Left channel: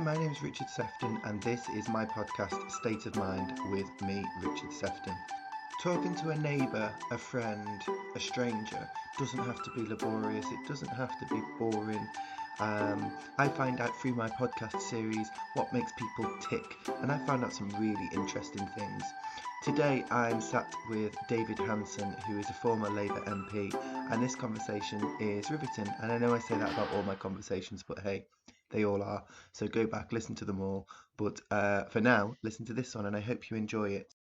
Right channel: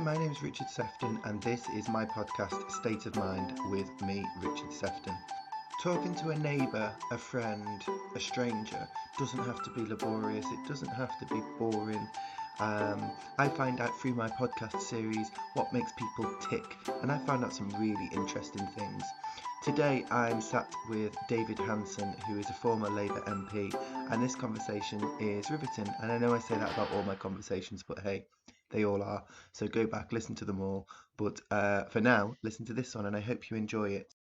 my name is Richard Sefton, and this is my podcast, State of Mind, with me, Richard Sefton. Talking to a neighbour, a friend, a stranger doesn't have to be laborious, it doesn't have to be boring. I find out through my podcast series what makes people tick, and I found out some really interesting things. Today I'm sat with David Hanson, who is a former Labour MP, and this conversation is riveting. And I know I say that about all my conversations, but hey, they all are. So go back, listen to them all. But for now, listen to this one, and I hope you enjoy it.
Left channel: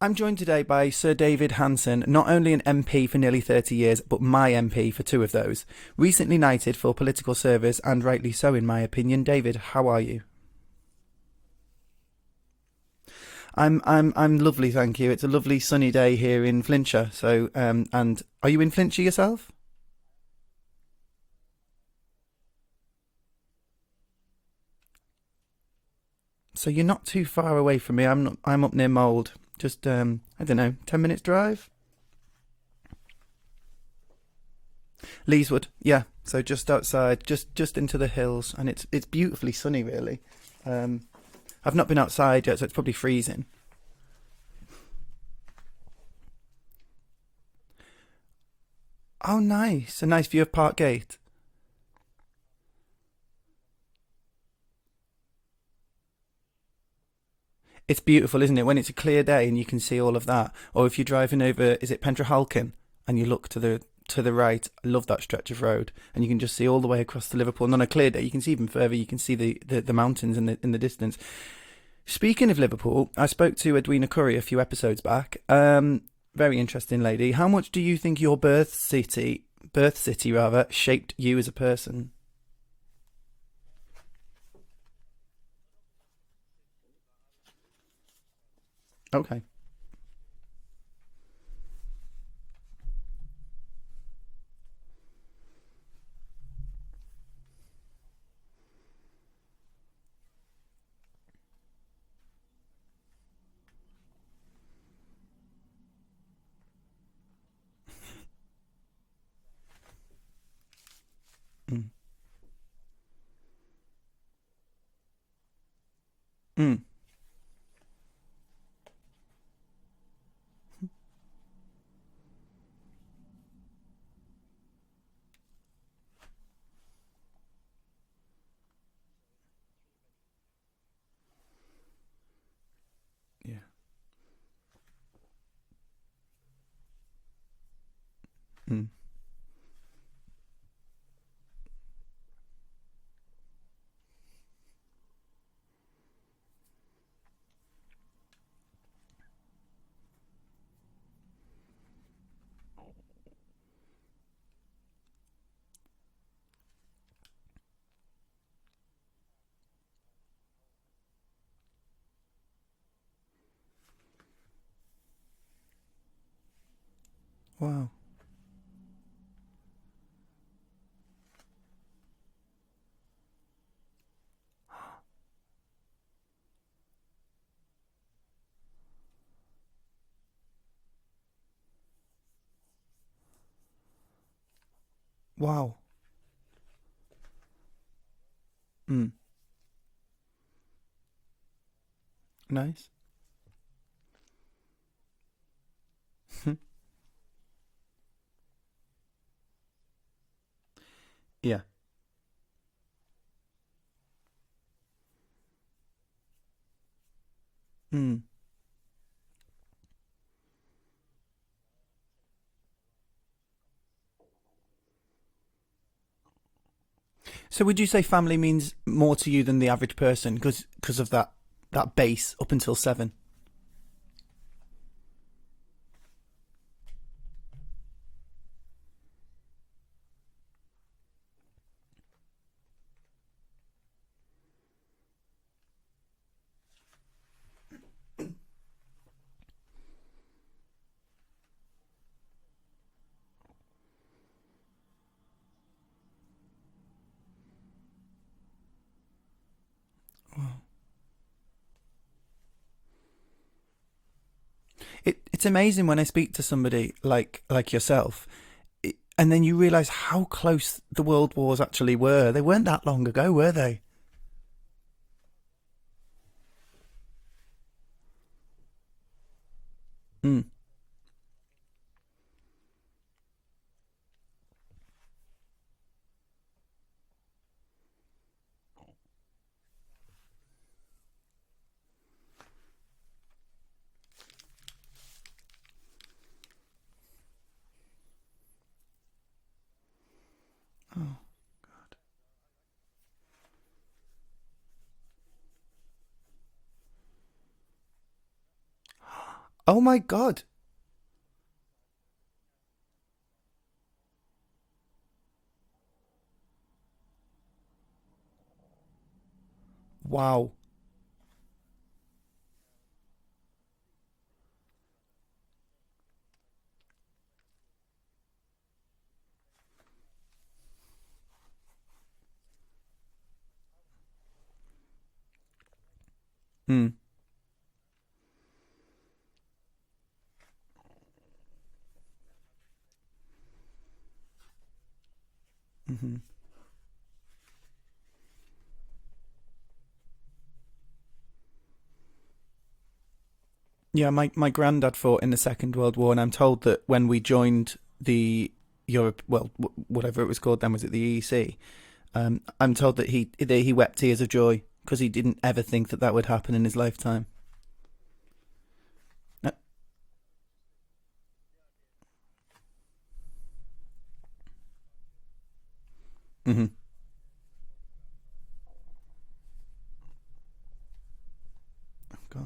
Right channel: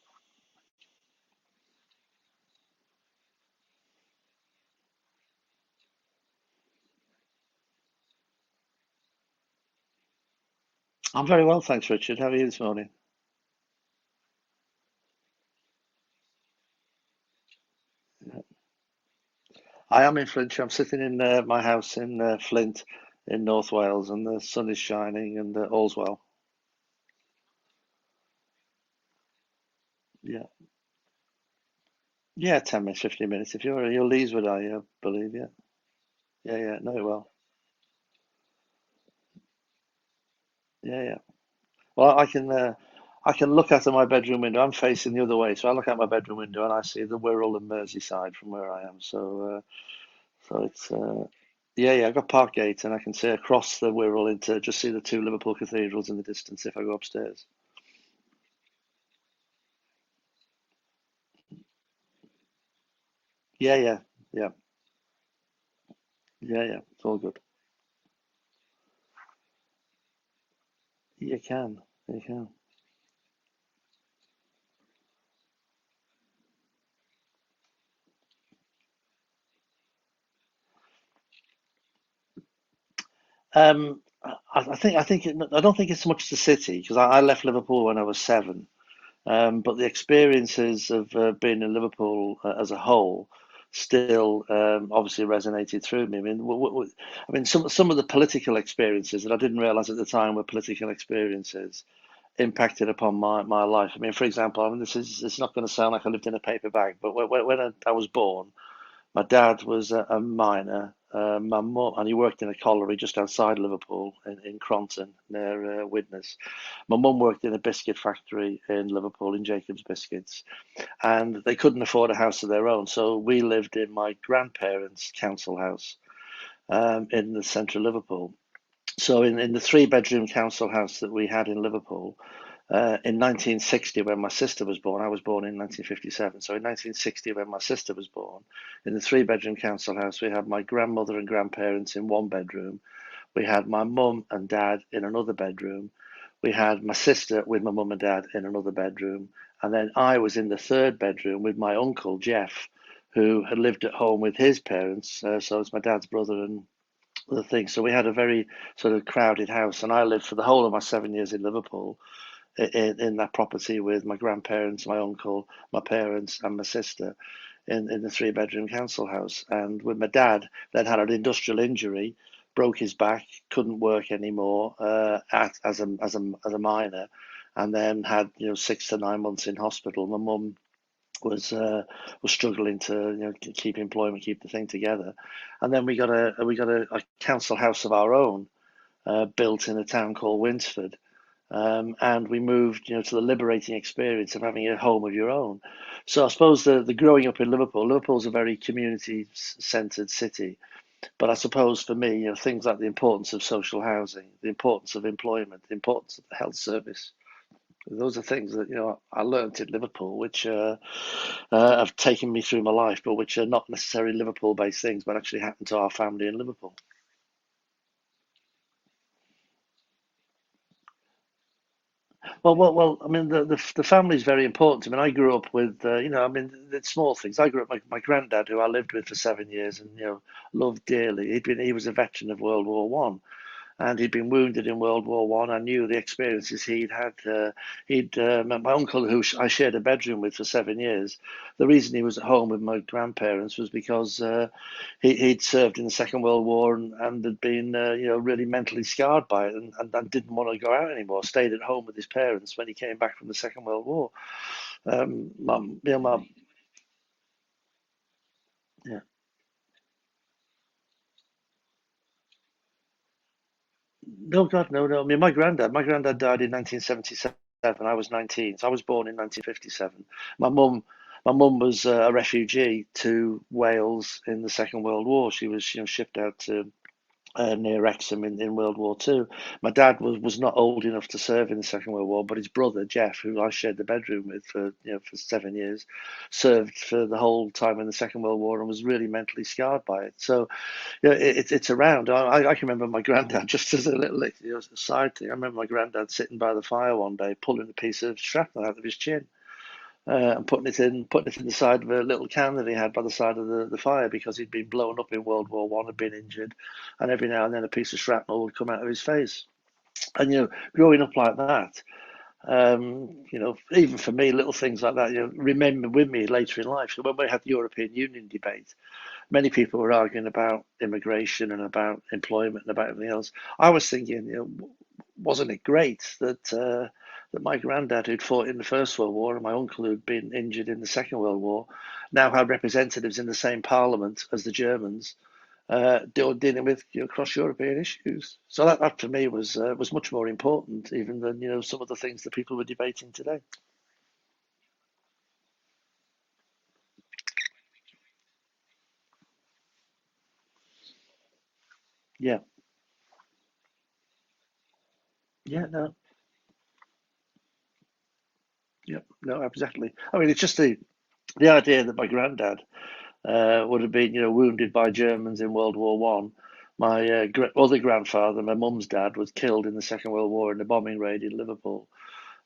I'm joined today by Sir David Hanson, not only an MP for nearly 30 years, but my MP for 2 of those. Recently knighted for political service, and rightly so in my opinion. David, how are you? I'm very well, thanks, Richard. How are you this morning? I'm lovely, thank you. It's a lovely sunny day here in Flintshire. So, and are you in Flintshire yourself? I am in Flintshire. I'm sitting in my house in Flint, in North Wales, and the sun is shining, and all's well. So you're not too far away from me. I'm up near Mould. Just I don't know, 10 minutes drive. Yeah, 10 minutes, 15 minutes. If you're Leeswood, I believe. Leeswood, yeah. So just outside, well. just into the hills, and it's beautifully sunny, really. Yeah. I've not been outside yet, so it's probably freezing. I can look out of my bedroom window. I'm facing the other way, so I look out my bedroom window and I see the Wirral and Merseyside from where I am. So nice. A nice view of Parkgate. Yeah, I've got Parkgate, and I can see across the Wirral just see the 2 Liverpool cathedrals in the distance if I go upstairs. It's beautiful, isn't it? When it's a clear day and you can see all of that. Or if you're driving over, is it Pentrahalkin? And you look to the right. I love that stretch of road, and you can just see all the way across to Liverpool. And on a clear day, you can see even further. You can see the mountains in the distance. You can. Speaking of Liverpool, I spoke to Edwina Curry a few episodes back. Very interesting lady. How much do you think your birth city shaped you as a person? I don't think it's so much the city, because I left Liverpool when I was 7. Okay. But the experiences of being in Liverpool as a whole still obviously resonated through me. I mean, some of the political experiences that I didn't realise at the time were political experiences impacted upon my life. I mean, for example, it's not going to sound like I lived in a paper bag, but when I was born, my dad was a miner. My mum, and he worked in a colliery just outside Liverpool in Cronton, near Widnes. My mum worked in a biscuit factory in Liverpool, in Jacobs Biscuits, and they couldn't afford a house of their own, so we lived in my grandparents' council house in the centre of Liverpool. So in the 3-bedroom council house that we had in Liverpool, in 1960, when my sister was born, I was born in 1957. So in 1960, when my sister was born, in the 3-bedroom council house, we had my grandmother and grandparents in 1 bedroom. We had my mum and dad in another bedroom. We had my sister with my mum and dad in another bedroom. And then I was in the 3rd bedroom with my uncle, Jeff, who had lived at home with his parents. So it's my dad's brother and other things. So we had a very sort of crowded house. And I lived for the whole of my 7 years in Liverpool in that property with my grandparents, my uncle, my parents, and my sister. Wow. in the 3-bedroom council house. And with my dad, then had an industrial injury, broke his back, couldn't work anymore as a miner, and then had 6 to 9 months in hospital. My mum was struggling to keep employment, keep the thing together. Wow. And then we got a council house of our own built in a town called Winsford. And we moved, to the liberating experience of having a home of your own. So I suppose the growing up in Liverpool's a very community-centred city. But I suppose for me, things like the importance of social housing, the importance of employment, the importance of the health service, those are things that, I learnt in Liverpool, which have taken me through my life, but which are not necessarily Liverpool-based things, but actually happened to our family in Liverpool. So would you say family means more to you than the average person because of that base up until 7? I mean, the family is very important. I mean, I grew up with, it's small things. I grew up with my granddad, who I lived with for 7 years and, loved dearly. He was a veteran of World War One. And he'd been wounded in World War One. I knew the experiences he'd had. My uncle, who I shared a bedroom with for 7 years, the reason he was at home with my grandparents was because he'd served in the Second World War and had been, really mentally scarred by it and didn't want to go out anymore. Stayed at home with his parents when he came back from the Second World War. It's amazing when I speak to somebody like yourself. And then you realise how close the world wars actually were. They weren't that long ago, were they? No, God, no, no. I mean, my granddad died in 1977. I was 19, so I was born in 1957. Mm. My mum, my mum was a refugee to Wales in the Second World War. She was, shipped out to near Wrexham in World War Two. My dad was not old enough to serve in the Second World War, but his brother Jeff, who I shared the bedroom with for 7 years, served for the whole time in the Second World War and was really mentally scarred by it. So it's around. I can remember my granddad, just as a little side thing. I remember my granddad sitting by the fire one day, pulling a piece of shrapnel out of his chin Oh my God. and putting it in the side of a little can that he had by the side of the fire because he'd been blown up in World War One, had been injured, and every now and then a piece of shrapnel would come out of his face. And Wow. growing up like that, even for me, little things like that, remember with me later in life. So when we had the European Union debate, many people were arguing about immigration and about employment and about everything else. I was thinking, wasn't it great Mm. that my granddad, who'd fought in the First World War, and my uncle, who'd been injured in the Second World War, now had representatives in the same parliament as the Germans, Hmm. dealing with cross-European issues. So that for me was much more important even than some of the things that people were debating today. Yeah, my granddad fought in the Second World War, and I'm told that when we joined the Europe, well, whatever it was called then, was it the EEC? Yeah, I'm told that he wept tears of joy because he didn't ever yeah, think no, that that would happen in his lifetime. yeah, no, exactly. I mean, it's just the idea that my granddad would have been, wounded by Germans in World War One. Hmm. My other grandfather, my mum's dad, was killed in the Second World War in a bombing raid in Liverpool.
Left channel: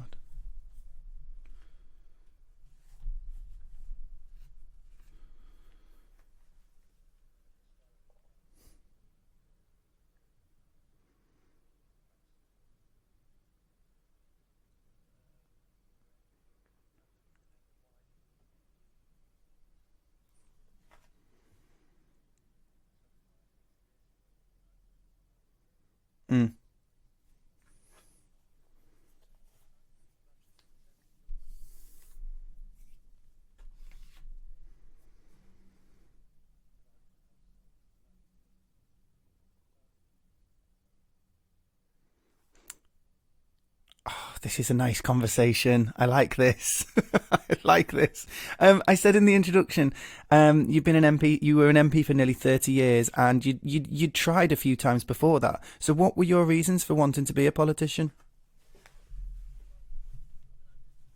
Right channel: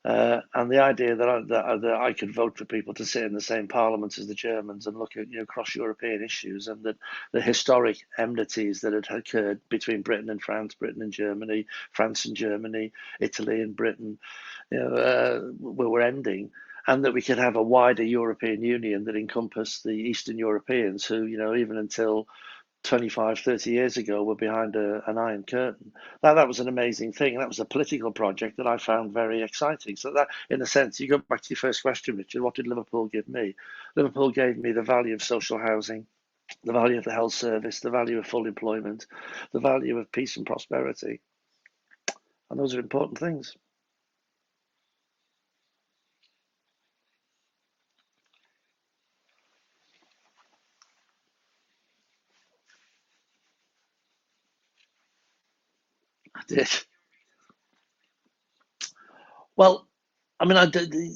God. And the idea that I could vote for people to sit in the same parliament as the Germans and look at cross-European issues and that the historic enmities that had occurred between Britain and France, Britain and Germany, France and Germany, Italy and Britain, were ending, and that we could have a wider European Union that encompassed the Eastern Europeans who, even until 25, 30 years ago were behind an iron curtain. That Mm. was an amazing thing. And that was a political project that I found very exciting. So that, in a sense, you go back to your first question, Richard, what did Liverpool give me? Liverpool gave me the value of social housing, the value of the health service, the value of full employment, the value of peace and prosperity. And those are important things. Oh, this is a nice conversation. I like this. I like this. I said in the introduction, you've been an MP. You were an MP for nearly 30 years, and you'd tried a few times before that. So, what were your I did. reasons for wanting to be a politician? Well, I mean,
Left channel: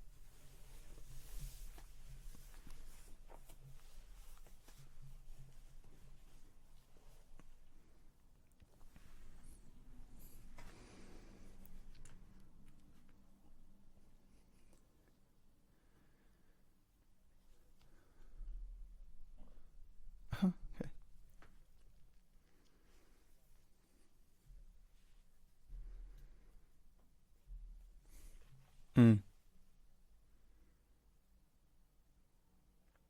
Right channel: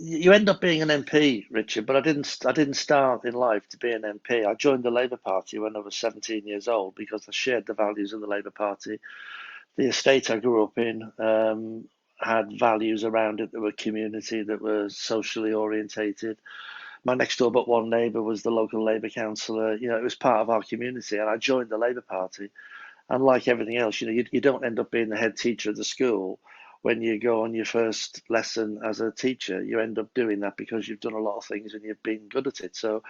you end up being an MP, Richard, but I didn't start in life to be an MP. I joined the Labour Party when I was 17 years old because I shared the values of the Labour Party. The estate I grew up in had values around it that were community, that were socially orientated. My next door but one neighbour was the local Labour councillor. It was part of our community, and I joined the Labour Party. And like everything else, you don't end up being the head teacher of the school when you go on your first lesson as a Mm. teacher. You end up doing that because you've done a lot of things and you've been good at it. So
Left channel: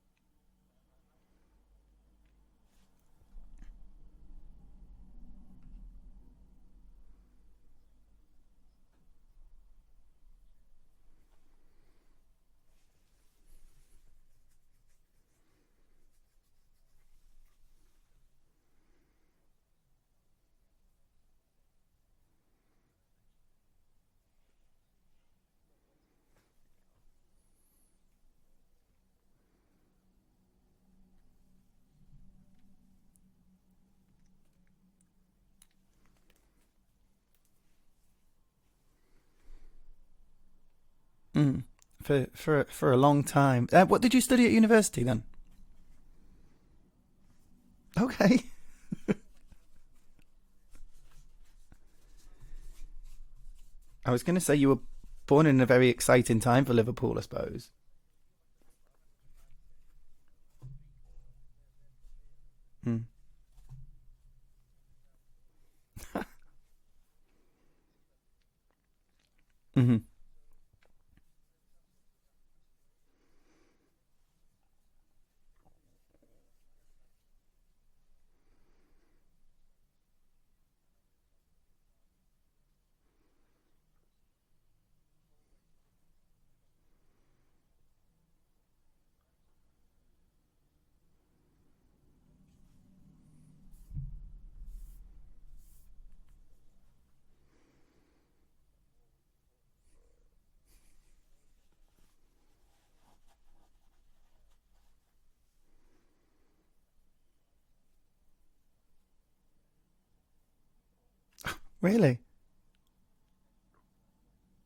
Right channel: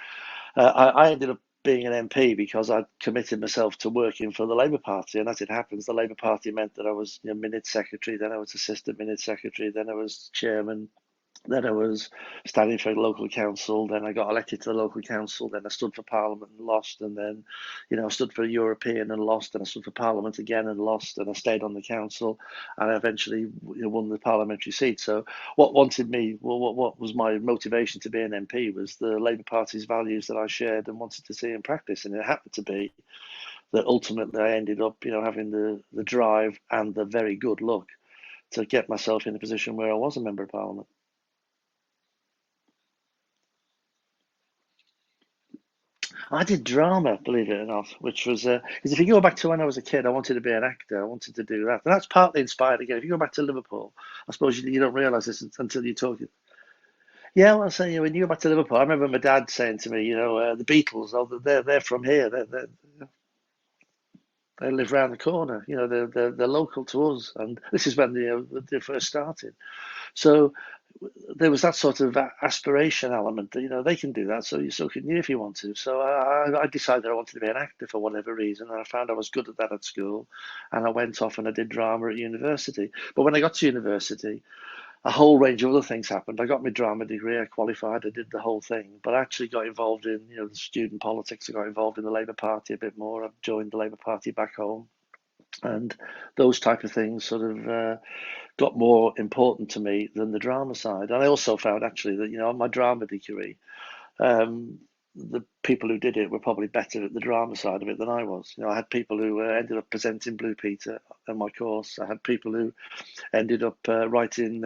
I ended up being an MP because I committed myself to working for the Labour Party, and as it happens, the Labour Party meant that I was minute secretary, then I was assistant minute secretary, then I was chairman, then I was standing for local council. Then I got elected to the local council. Then I stood for Parliament and lost. And then, I stood for European and lost. And I stood for Parliament again and lost. And I stayed on the council, and I eventually won the parliamentary seat. So, what was my motivation to be an MP was the Labour Party's values that I shared and wanted to see in practice. And it happened to be that ultimately I ended up, having the drive and the very good luck to get myself in a position where I was a member of Parliament. Mm. For a long time. What did you study at university then? I did drama, believe it or not, which was Okay. because if you go back to when I was a kid, I wanted to be an actor. I wanted to do that, and that's partly inspired again. If you go back to Liverpool, I was I going to say suppose you you were don't realise this born in a until very you talk. exciting time for Liverpool, I Yeah, suppose. well, I say when you go back to Liverpool, I remember my dad saying to me, the Beatles, oh, they're from here. Mm. They live round the corner. They're local to us, and this is when they first started. Hmm. So there was that sort of aspiration element that they can do that, so can you if you want to. So I decided I wanted to be an actor for whatever reason, and I found I was good at that at school, and I went off and I did drama at university. But when I got to university, a whole range of other things happened. I got my drama degree, I qualified, I did the whole thing, but I actually got involved in the student politics. I got involved in the Labour Party a bit more. I joined the Labour Party back home. And those type of things sort of got more important to me than the drama side. And I also found actually that, on my drama degree, the people who did it were probably better at the drama side of it than I was. I had people who ended up presenting Blue Peter on my course. I Really? had people who ended up writing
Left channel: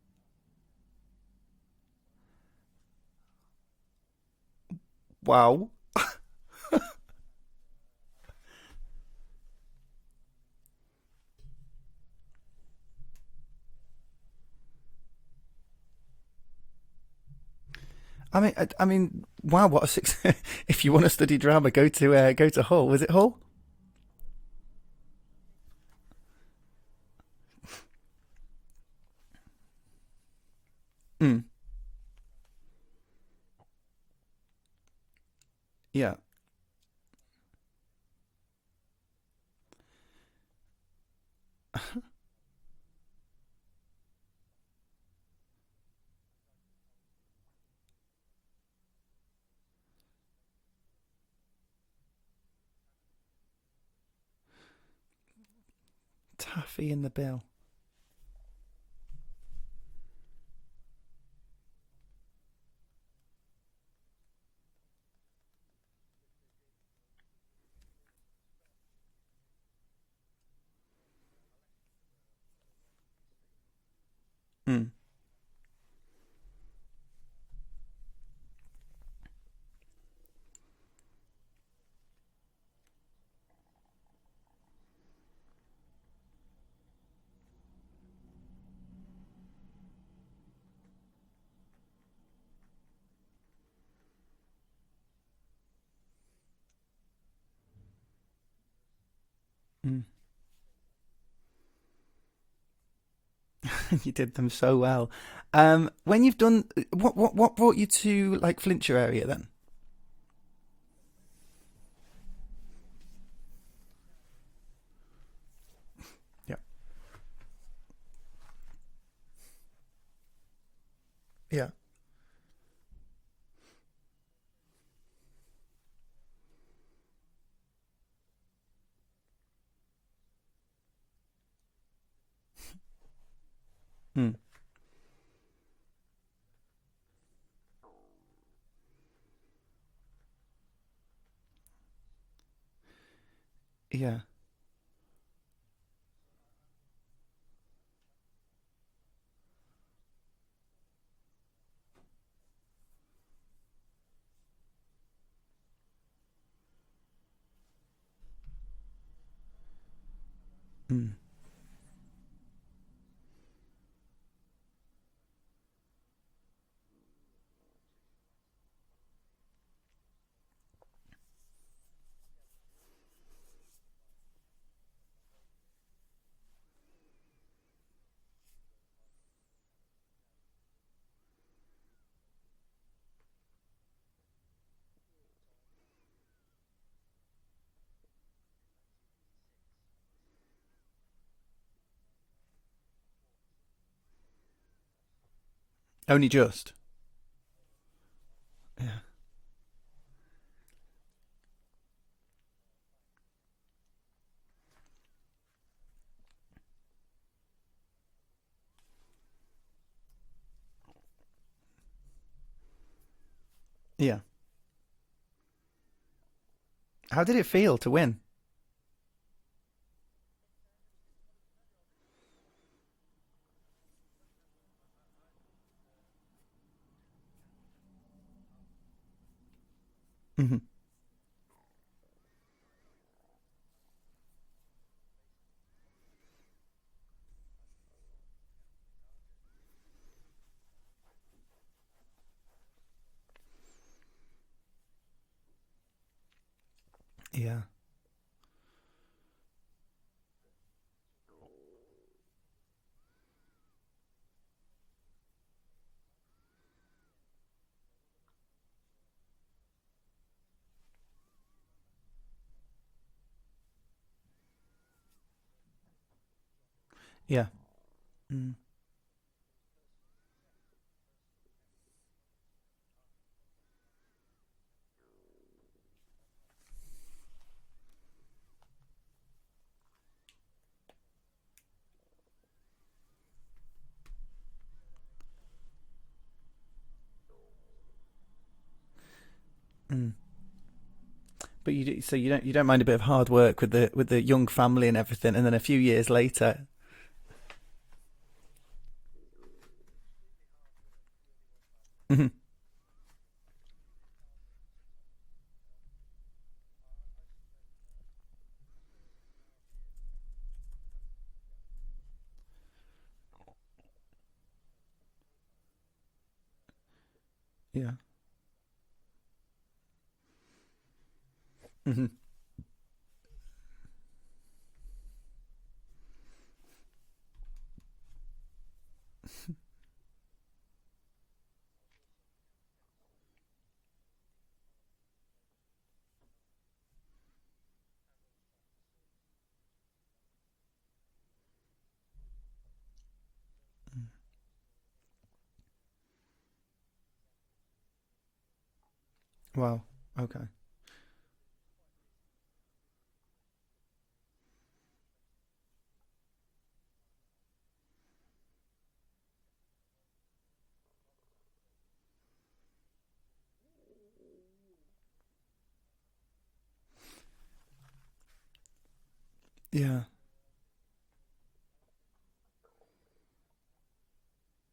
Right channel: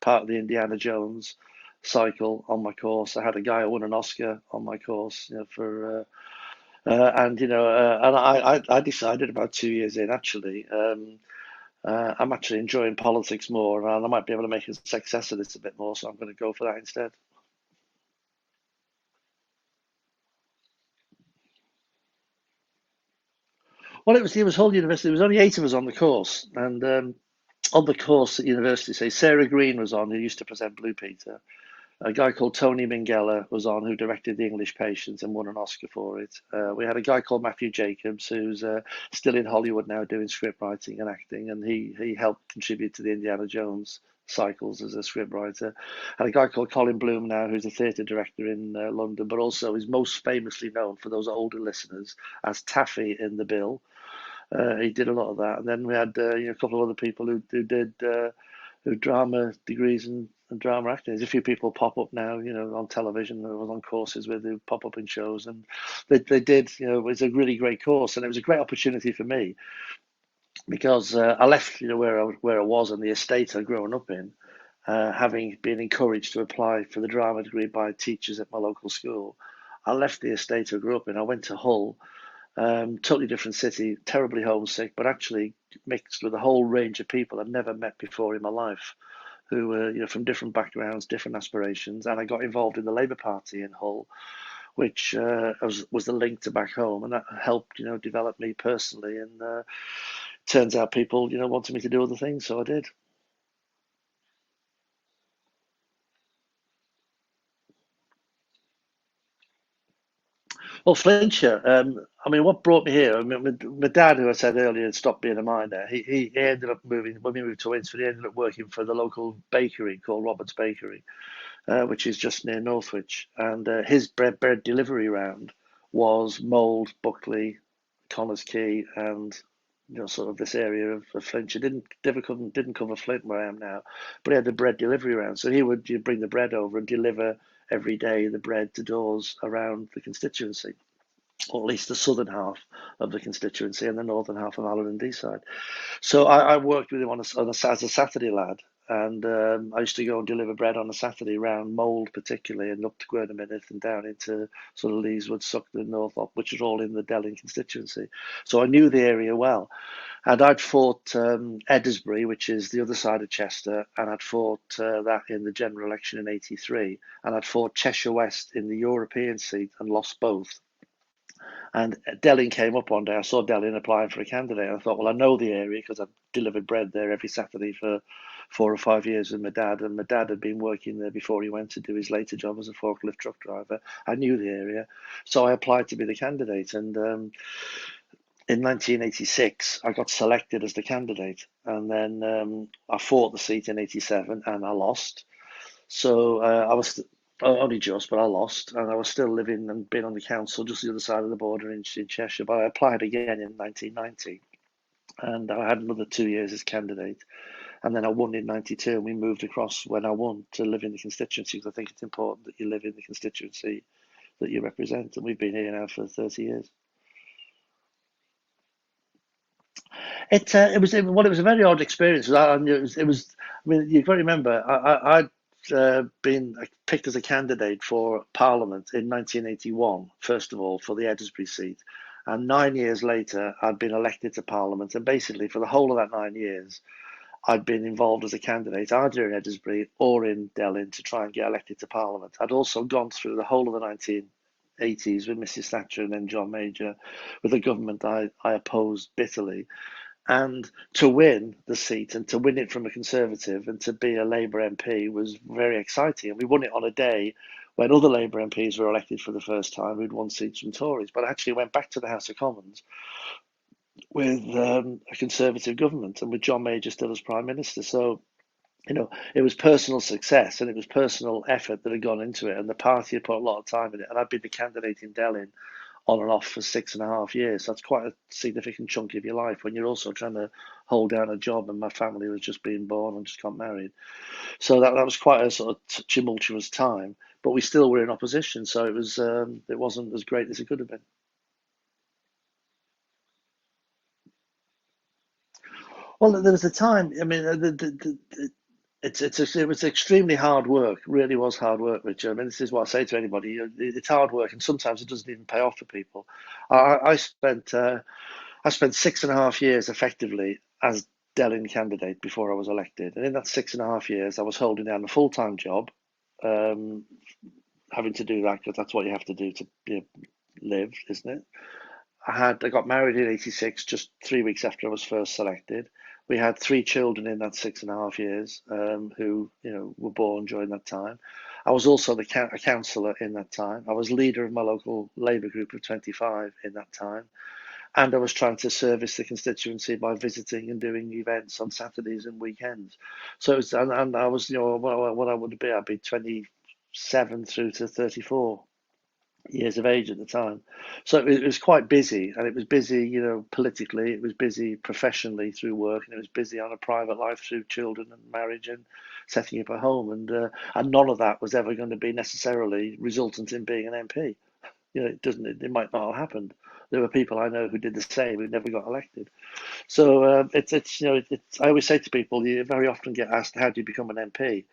part of the Indiana Jones cycle on my course. I had a guy who won an Oscar on my course Wow. for and I decided about 2 years in actually. I'm actually enjoying politics more, and I might be able to make a success of this a bit more. So I'm going to go for that instead. I mean, wow, what a success! If you want to study drama, go to Hull. Was it Hull? Well, it was Hull University. There was only 8 of us on the course, and on the course at university, say Sarah Green was on, who used to present Blue Peter. Mm, A guy called Tony Minghella was on, who directed The English Patient and won an Oscar yeah. for it. We had a guy called Matthew Jacobs, who's still in Hollywood now doing script writing and acting, and he helped contribute to the Indiana Jones cycles as a script writer. And a guy called Colin Bloom now, who's a theatre director in London, but also is most famously known for those older listeners as Taffy in The Bill. He did a lot of that. And then we had a couple of Taffy other in the people Bill. who did who drama degrees and drama acting. There's a few people pop up now, on television. I was on courses with who pop up in shows, and they did. It was a really great course, and it was a great opportunity for me because I left, where I was and the estate I'd grown up in, Mm, having been encouraged to apply for the drama degree by teachers at my local school. I left the estate I grew up in. I went to Hull, totally different city, terribly homesick, but actually mixed with a whole range of people I'd never met before in my life, who were from different backgrounds, different aspirations, and I got involved in the Labour Party in Hull, which was the link to back home, and that helped develop me personally. And mm. turns out people wanted me to do other things, so I did. You did them so well. When you've done, what brought you to like Flintshire area then? Well, Flintshire, I mean, what brought me here? I mean, my dad, who I said earlier, had stopped being a miner. He ended up moving, when we moved to Winsford, he ended up working for the local bakery called Robert's Bakery, Yeah. which is just near Northwich. And his bread delivery round was Mould, Buckley, Connors Quay, and sort of this area of Flintshire. Didn't cover Flint where I am now, but Mm. he had the bread delivery round. So he would bring the bread over and deliver every day the bread to doors around the constituency, or at least the southern half of the constituency and the Yeah. northern half of Allen and Deeside. So I worked with him as a Saturday lad, and I used to go and deliver bread on a Saturday round Mould particularly, and up to Gwernamenith and down into sort of Leeswood, Suckton, Northrop, which is all in the Delyn constituency. So I knew the area well. And I'd Mm. fought Edisbury, which is the other side of Chester, and I'd fought that in the general election in '83, and I'd fought Cheshire West in the European seat and lost both. And Delyn came up one day. I saw Delyn applying for a candidate. And I thought, well, I know the area because I've delivered bread there every Saturday for 4 or 5 years with my dad. And my dad had been working there before he went to do his later job as a forklift truck driver. I knew the area. So I applied to be the candidate. And in 1986, I got selected as the candidate. And then I fought the seat in '87 and I lost. Only So just. I was only just, but I lost, and I Yeah. was still living and being on the council just the other side of the border in Cheshire. But I applied again in 1990, and I had another 2 years as candidate, and then I won in '92, and we moved across when I won to live in the constituency because I think it's important that you live in the constituency Yeah. that you represent, and we've been here now for 30 years. How did it feel to win? It was a very odd experience. I mean, you've got to remember, I'd been picked as a candidate for Parliament in 1981, first Hmm. of all, for the Edisbury seat. And 9 years later, I'd been elected to Parliament. And basically, for the whole of that 9 years, I'd been involved as a candidate either in Edisbury or in Delyn to try and get elected to Parliament. I'd also gone through the whole of the 1980s with Mrs. Thatcher and then John Major, with a Yeah. government I opposed bitterly. And to win the seat and to win it from a Conservative and to be a Labour MP was very exciting. And we won it on a day when other Labour MPs were elected for the first time. We'd won seats from Tories, but I actually went back to the House of Commons with a Conservative government and with John Major still as Prime Yeah. Minister. So, Mm. it was personal success and it was personal effort that had gone into it. And the party had put a lot of time in it. And I'd been the candidate in Delyn on and off for 6.5 years. That's quite a significant chunk of your life when you're also trying to hold down a job, and my family was just being born and just got married. So that was quite a sort of tumultuous time, but we still were in opposition, so it wasn't as great as it could have been. But you don't mind a bit of hard work with the young family and everything, and then a few years Well, later. there was a time. I mean, it was extremely hard work. Really was hard work, Richard. I mean, this is what I say to anybody. It's hard work, and sometimes it doesn't even pay off for people. I spent 6.5 years effectively as Delyn candidate before I was elected, and in that 6.5 years, I was holding down a full-time job, having to do that because that's what you have to do to live, isn't it? I got married in '86, just 3 weeks after I was first selected. We had 3 children in that 6.5 years, who were born during that time. I was also a councillor in that time. I was leader of my local Labour group of 25 in that time, and I was trying to service the constituency by visiting and doing events on Saturdays and weekends. So and I was what I would be, I'd be 27 through to 34 years of age at the time. So it was quite busy, and it was busy, politically, it was busy professionally through work, and it was busy on a private life through children and marriage and setting up a home, and none of that was ever going to be necessarily resultant in being an MP. It might not have happened. There were people I know who did the same who never got elected. Yeah. So I always say to people, you very often get asked, how do you become an MP?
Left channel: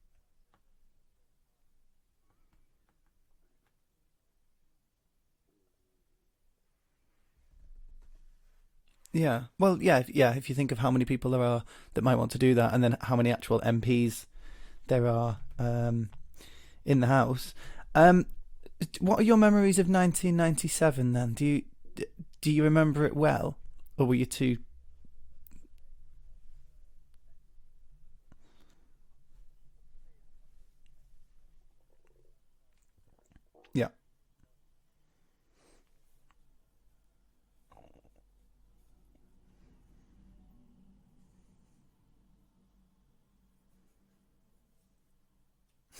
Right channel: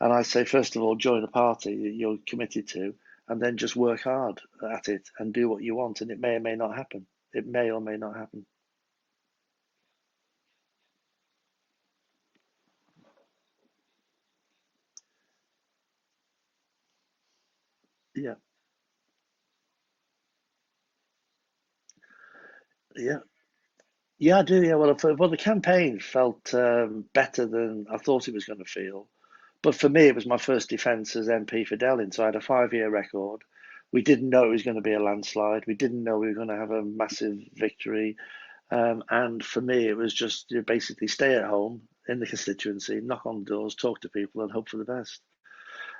And I say, first of all, join a party you're committed to, and then just work hard at it and do what you want, and it may or may not happen. It may or may not happen. Yeah. Well, yeah. If you think of how many people there are that might want to do that, and then how many actual MPs there are in the House. What are your memories of 1997 then? Do you remember it well? Or were you I do. Yeah. Well, the campaign felt better than I thought it was going to feel. But for me, it was my first defence as MP for Delyn, so I had a 5-year record. Yeah. We didn't know it was going to be a landslide. We didn't know we were going to have a massive victory. And for me, it was just basically stay at home in the constituency, knock on doors, talk to people, and hope for the best.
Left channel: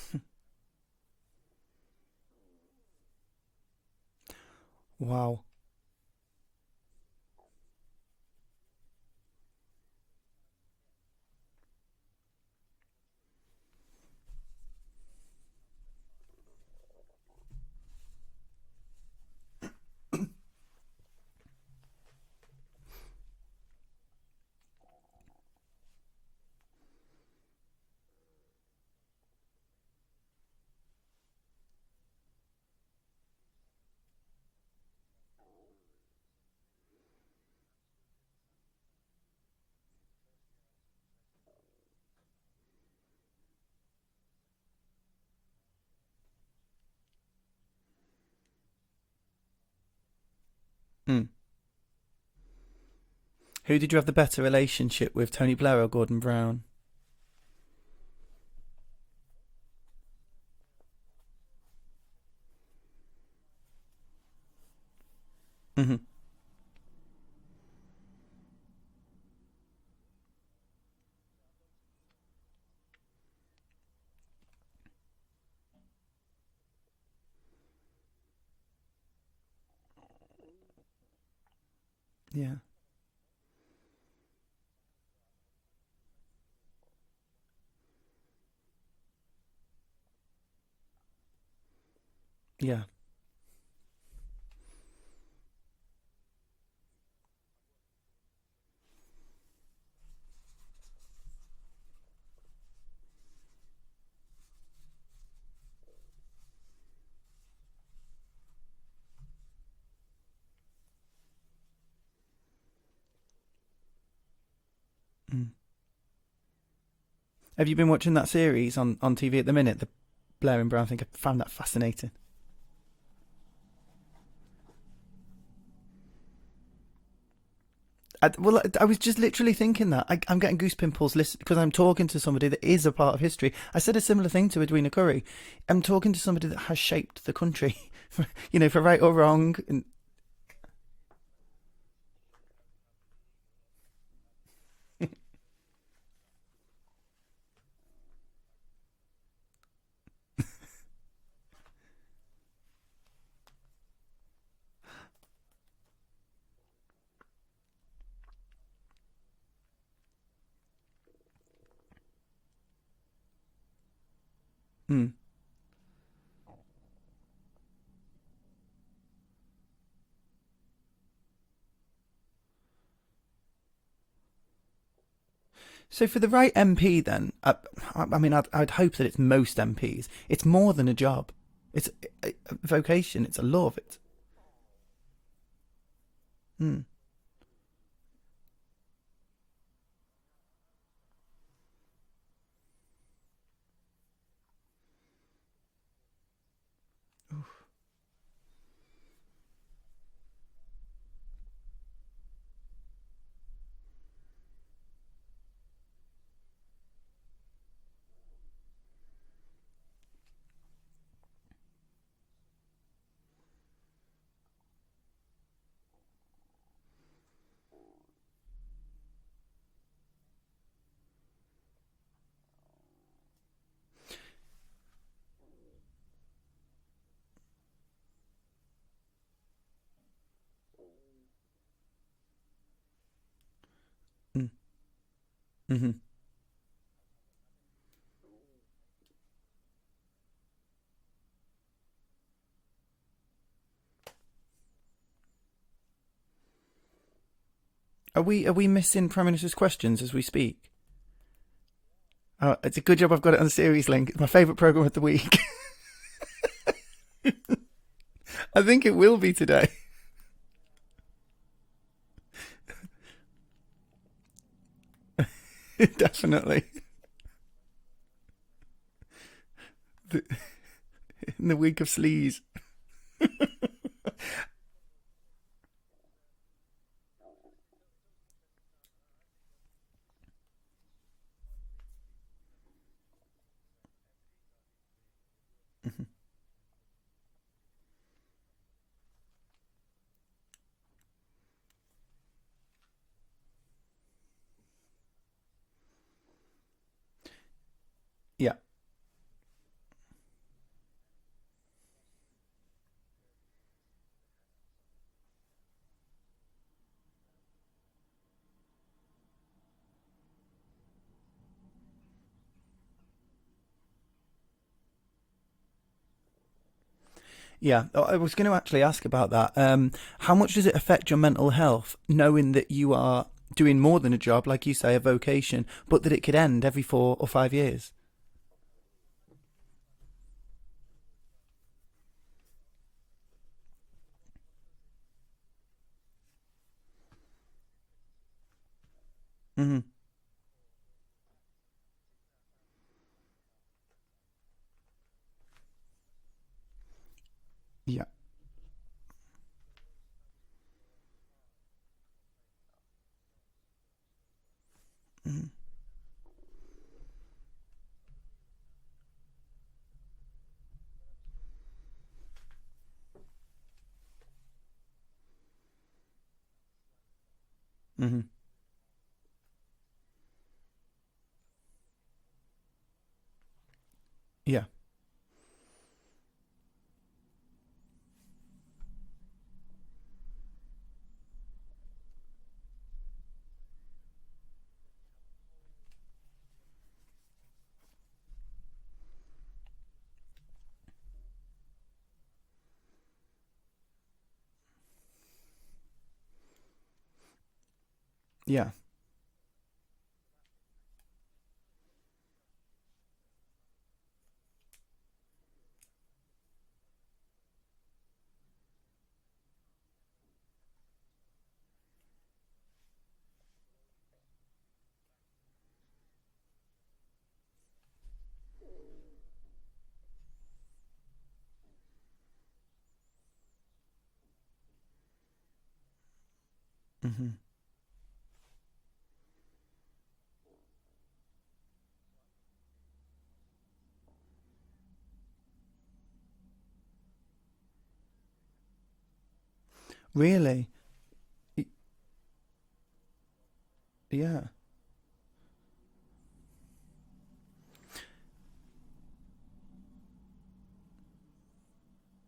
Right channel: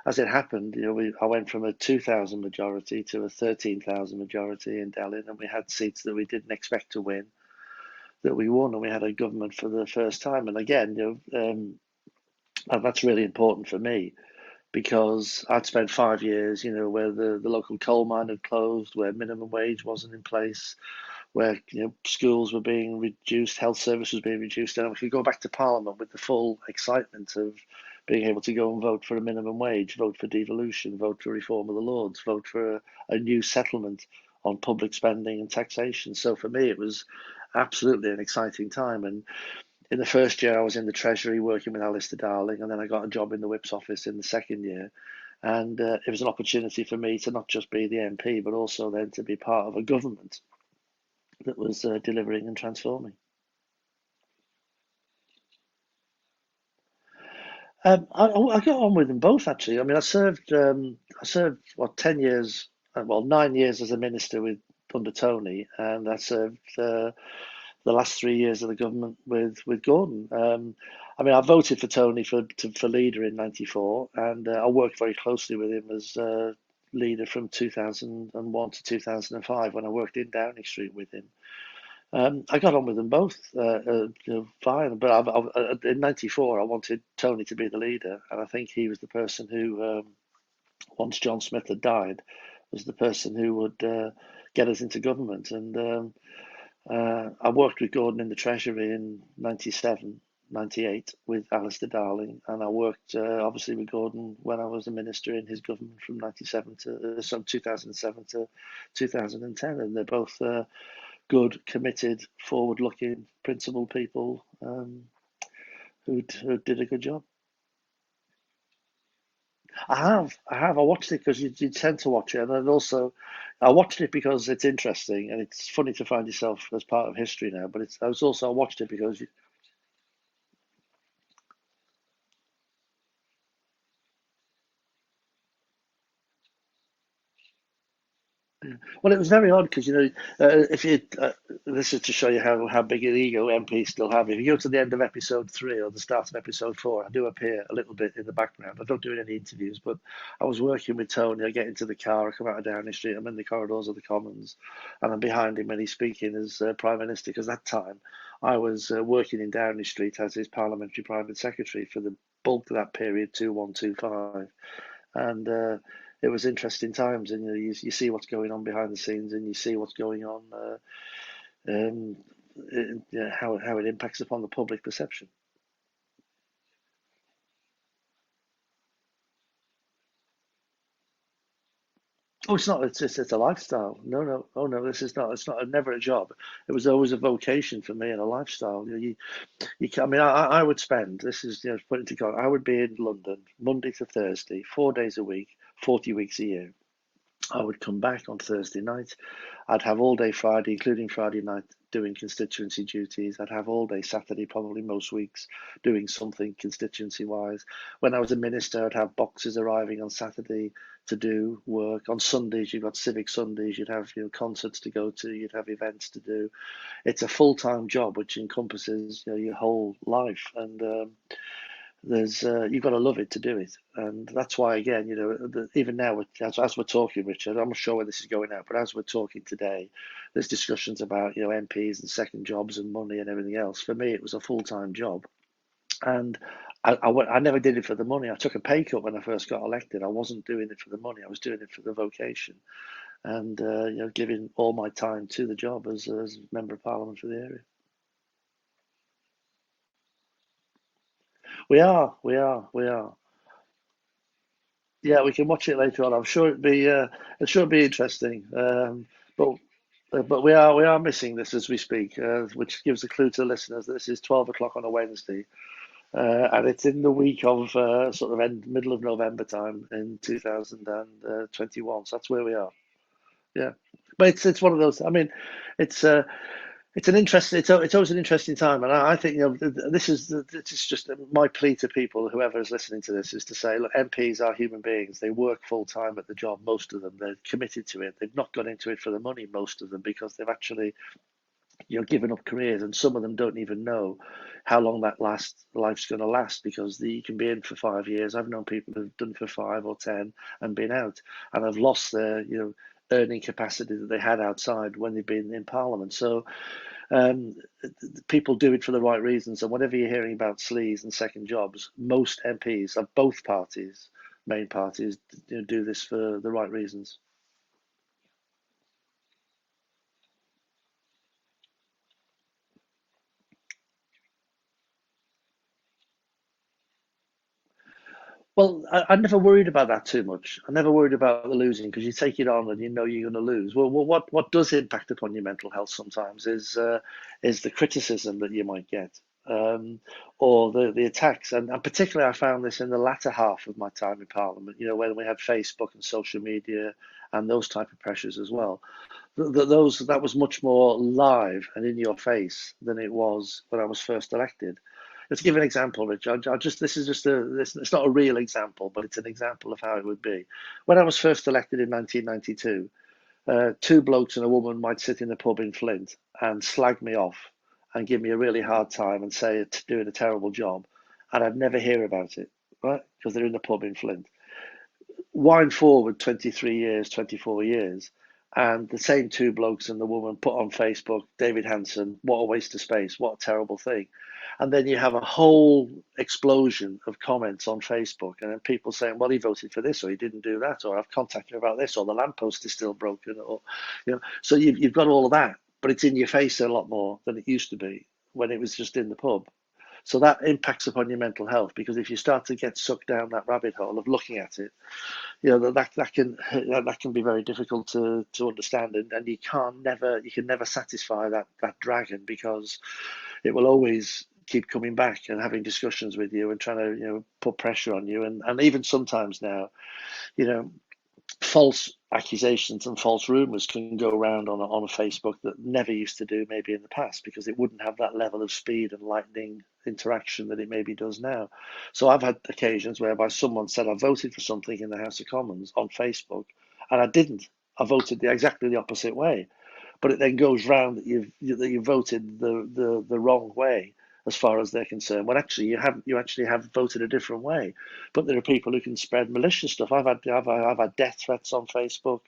As it happened, I went from a 2,000 majority to a 13,000 majority in Delyn, and we had seats that we didn't expect to win, that we won, and we had a government for the first time. And again, and that's really important for me, because I'd spent 5 years, where the local coal mine had closed, where minimum wage wasn't in place, where schools were being reduced, health service was being reduced, and I could go back to Parliament with the full excitement of being able to go and vote for a minimum wage, vote for devolution, vote for reform of the Lords, vote for a new settlement on public spending and taxation. So for me, it was absolutely an exciting time. And in the first year, I was in the Treasury working with Alistair Darling, and then I got a job in the Whip's office in the second year. And it was an opportunity for me to not just be the MP, but also then to be part of a government that was delivering and transforming. Who did you have the better relationship with, Tony Blair or Gordon Brown? I got on with them both, actually. I mean, I served 10 years, 9 years as a minister under Tony, and I served the last 3 years of the government with Gordon. I mean, I voted for Tony for leader in '94, and I worked very closely with him as leader from 2001 to 2005 when I worked in Downing Street with him. I got on with them both fine, but in '94 I wanted Tony to be the leader, and I think he was the person who, once John Smith had died, was the person who would get us into government. And I worked with Gordon in the Treasury in '97, '98 with Alistair Darling, and I worked obviously with Gordon when I was a minister in his government from 2007 to 2010, and they're both good, committed, forward-looking, principled people who did a good job. Have you been watching that series on TV at the minute? I have. I watched it because you tend to watch it, and then also I watched it because it's interesting and it's funny to find yourself as part of history now. But I was just literally thinking that I'm getting goose pimples because I'm talking to somebody that is a part of history. I said a similar thing to Edwina Curry. I'm talking to somebody that has shaped the country for right Well, or it was very wrong. odd because if you this is to show you how big an ego MPs still have. If you go to the end of episode 3 or the start of episode 4, I do appear a little bit in the background. I don't do any interviews, but I was working with Tony. I get into the car, I come out of Downing Street, I'm in the corridors of the Commons, and I'm behind him when he's speaking as Prime Minister. Because that time I was working in Downing Street as his Parliamentary Private Secretary for the bulk of that period, 2125, Mm. and it was interesting times, and you see what's going on behind the scenes, and you see what's going on, um, how it impacts upon the public perception. So for the right MP, then, I mean, I'd hope that it's most MPs. It's more than a job. It's It's not. vocation. It's a lifestyle. No. Oh no, this is not. It's not. Never a job. It was always a vocation for me and a lifestyle. I mean, I would spend. This is put into context. I would be in London Monday to Thursday, 4 days a week, 40 weeks a year. I would come back on Thursday night. I'd have all day Friday, including Friday night, doing constituency duties. I'd have all day Saturday, probably most weeks, doing something constituency wise. When I was a minister, I'd have boxes arriving on Saturday to do work. On Sundays, you've got civic Sundays. You'd have concerts to go to. You'd have events to do. It's a full-time job which encompasses your whole life, and there's you've got to love it to do it, and that's why again even now as we're talking, Richard, I'm not sure where this is going out, but as we're talking today, there's discussions about MPs and second jobs and money and everything else. For me, it was a full-time job, and I never did it for the money. I took a pay cut when I first got elected. I wasn't doing it for the money. I was doing it for the vocation, and giving all my time to the job as member of Parliament for the area. Are we missing Prime Minister's questions as we speak? We are. It's a good job I've got it on the series link. It's my favourite programme of the week. Yeah, we can watch it later on. I'm sure it'd be interesting. I think it will be today. But we are missing this as we speak, which gives a clue to listeners that this is 12 o'clock on a Wednesday. Definitely. And it's in the week of sort of middle of November time in 2021. In the week of sleaze. That's where we are. Yeah, but it's one of those. I mean, it's an interesting. It's always an interesting time, and I think this is just my plea to people, whoever is listening to this, is to say, look, MPs are human beings. They work full time at the job. Most of them, they're committed to it. They've not gone into it for the money. Most of them, because they've actually given up careers, and some of them don't even know how long that life's going to last, because you can be in for 5 years. I've known people who've done for 5 or 10 and been out, and have lost their earning capacity that they had outside when they've been in Parliament. So people do it for the right reasons, and whatever you're hearing about sleaze and second jobs, most MPs of both parties, main parties, do this for the right reasons. Yeah, I was going to actually ask about that. How much does it affect your mental health knowing that you are doing more than a job, like you say, a vocation, but that it could end every 4 or 5 years? Well, I never worried about that too much. I never worried about the losing, because you take it on and you're going to lose. Well, what does impact upon your mental health sometimes is the criticism that you might get, or the attacks. And particularly I found this in the latter half of my time in Parliament, when we had Facebook and social media and those type of pressures as well. That was much more live and in your face than it was when I was first elected. Let's give an example, Rich. It's not a real example, but it's an example of how it would be. When I was first elected in 1992, 2 blokes and a woman might sit in a pub in Flint and slag me off and give me a really hard time and say it's doing a terrible job, and I'd never hear about it, right? Because they're in the pub in Flint. Yeah. Wind forward 23 years, 24 years, and the same 2 blokes and the woman put on Facebook, David Hanson, what a waste of space, what a terrible thing. And then you have a whole explosion of comments on Facebook, and then people saying, well, he voted for this, or he didn't do that, or I've contacted him about this, or the lamppost is still broken, or so you've got all of that, but it's in your face a lot more than it used to be when it was just in the pub. So that impacts upon your mental health, because if you start to get sucked down that rabbit hole of looking at it, that can be very difficult to understand, and you can never satisfy that dragon, because it will always keep coming back and having discussions with you and trying to put pressure on you, and even sometimes now false accusations and false rumors can go around on a Facebook that never used to do maybe in the past, because it wouldn't have that level of speed and lightning interaction that it maybe does now. So I've had occasions whereby someone said I voted for something in the House of Commons on Facebook, and I didn't. I voted exactly the opposite way. But it then Really? goes round that you voted the wrong way as Yeah. far as they're concerned. When actually you actually have voted a different way. But there are people who can spread malicious stuff. I've had death threats on Facebook.